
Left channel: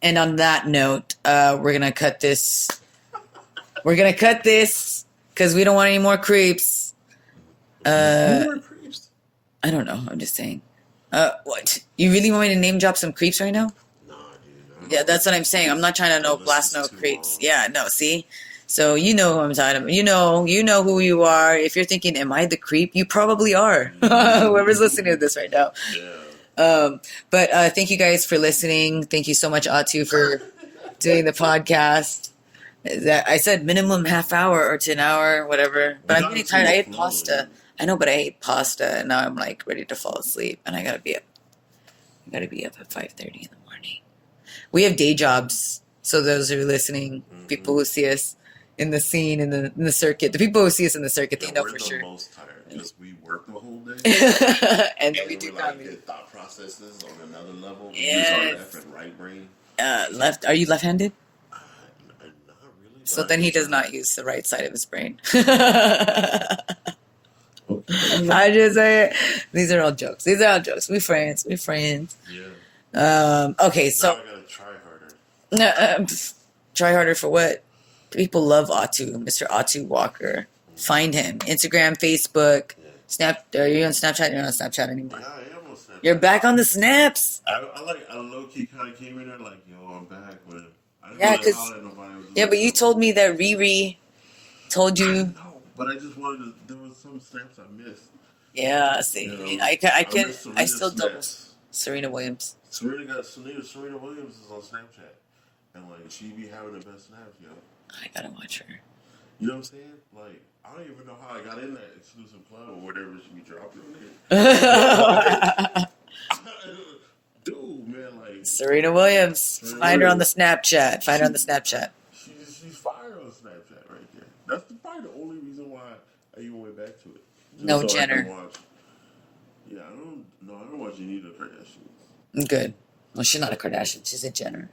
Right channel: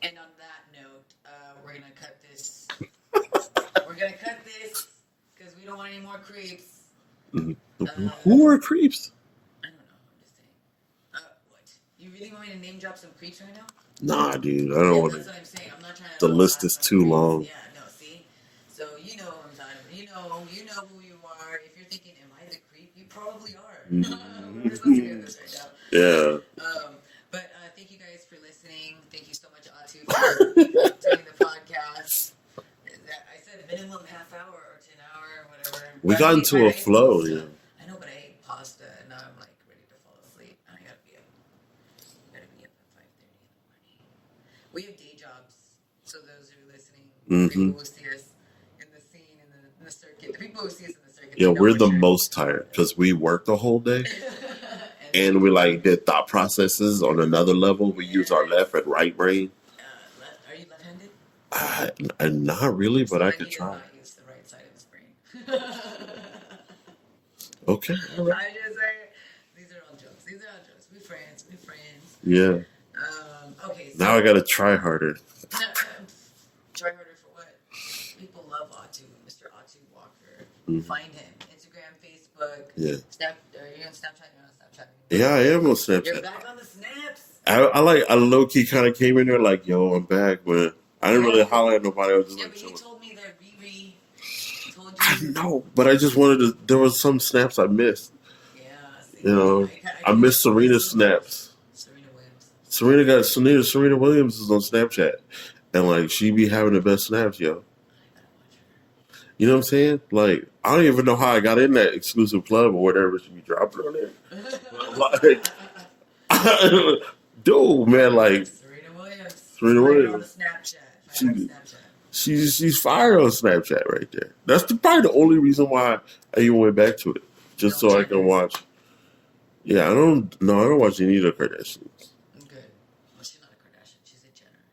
And on that note, we're gonna cut this. We're gonna cut this because we don't want any more creeps. More creeps? I don't know. I'm just saying. What? You really want me to name drop some creeps right now? Nah, dude. I don't. Yeah, that's what I'm saying. I'm not trying to blast no creeps. Long. Yeah, no. See. So you know who I'm talking about. You know who you are. If you're thinking, "Am I the creep?" You probably are. Whoever's listening to this right now. Yeah. But thank you guys for listening. Thank you so much, Atu, for doing the podcast. I said minimum half hour or to an hour, whatever. We got into a flow. Pasta. I know, but I ate pasta, and now I'm like ready to fall asleep, and I gotta be up. I gotta be up at 5:30 in the morning. We have day jobs, so those who are listening, people who see us in the scene, in the circuit, the people who see us in the circuit, yeah, we're the most tired because we work the whole day, and we like did thought processes on another level. We use our left and right brain. Left? Are you left-handed? Not really, but so then he does not use the right side of his brain. Okay. I just say these are all jokes. We friends. Yeah. Okay, so now I gotta try harder. Try harder for what? People love Atu, Mr. Ato Walker. Find him. Instagram, Facebook. Yeah. Are you on Snapchat? You're not on Snapchat anymore. Yeah, I am on Snapchat. You're back on the snaps. I low key kind of came in there like, yo, I'm back, but I didn't really holler at nobody. Yeah, but you told me that Riri told you. I know, but I just wanted to. There was some snaps I missed. Yeah, see, you know, I missed Serena's snaps. Serena Williams. Serena Williams is on Snapchat, and like she be having the best snaps, yo. I gotta watch her. You know what I'm saying? Like I don't even know how I got in that exclusive club or whatever she be dropping on there. Dude, man, like Serena Williams. Find her on the Snapchat. Find her on the Snapchat. She's fire on Snapchat right there. That's probably the only reason why I even went back to it, just so Jenner. I can watch. Yeah, I don't watch any of the Kardashians. Good. Well, she's not a Kardashian. She's a Jenner.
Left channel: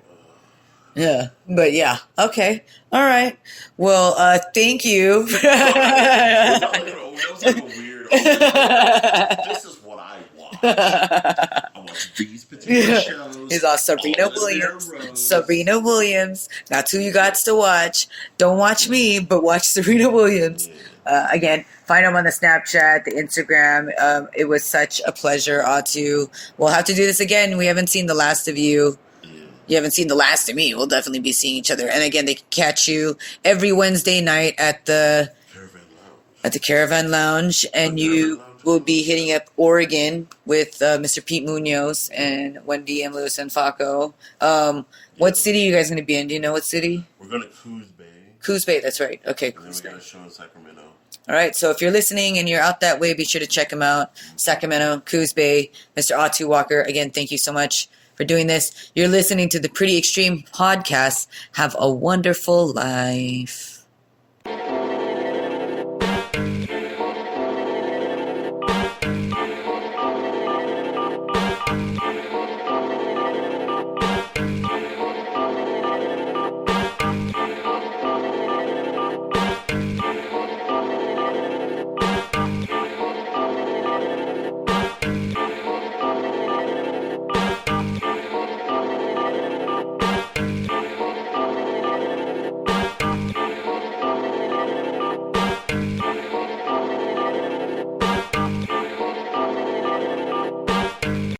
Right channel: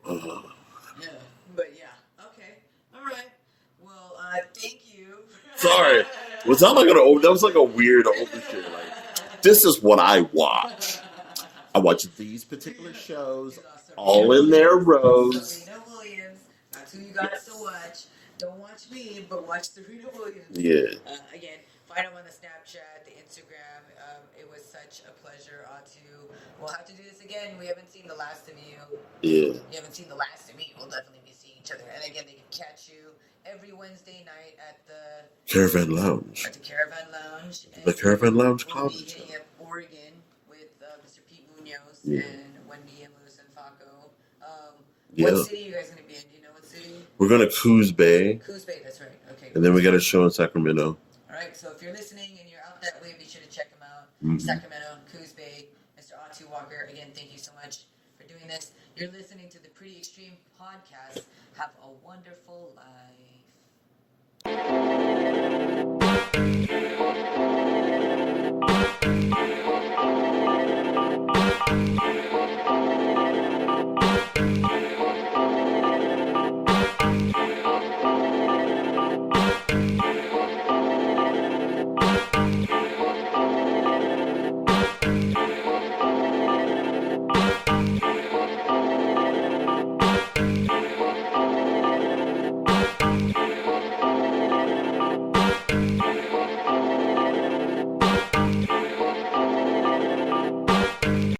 Yeah, but yeah, okay, all right. Well, thank you. Sorry. Was that was like a weird opening. This is what I watch. I watch these particular shows. He's on Serena Williams. Serena Williams. That's who you got to watch. Don't watch me, but watch Serena Williams. Yeah. Again, find him on the Snapchat, the Instagram. It was such a pleasure, Atu. We'll have to do this again. We haven't seen the last of you. Yeah. You haven't seen the last of me. We'll definitely be seeing each other. And again, they can catch you every Wednesday night at the Caravan Lounge. At the Caravan Lounge. And you will be hitting up Oregon with Mr. Pete Munoz and Wendy and Lewis and Faco. What city are you guys going to be in? Do you know what city? We're going to Coos Bay. Coos Bay, that's right. Okay. And then we got a show in Sacramento. All right, so if you're listening and you're out that way, be sure to check him out. Sacramento, Coos Bay, Mr. Ato Walker. Again, thank you so much for doing this. You're listening to the Pretty Extreme Podcast. Have a wonderful life.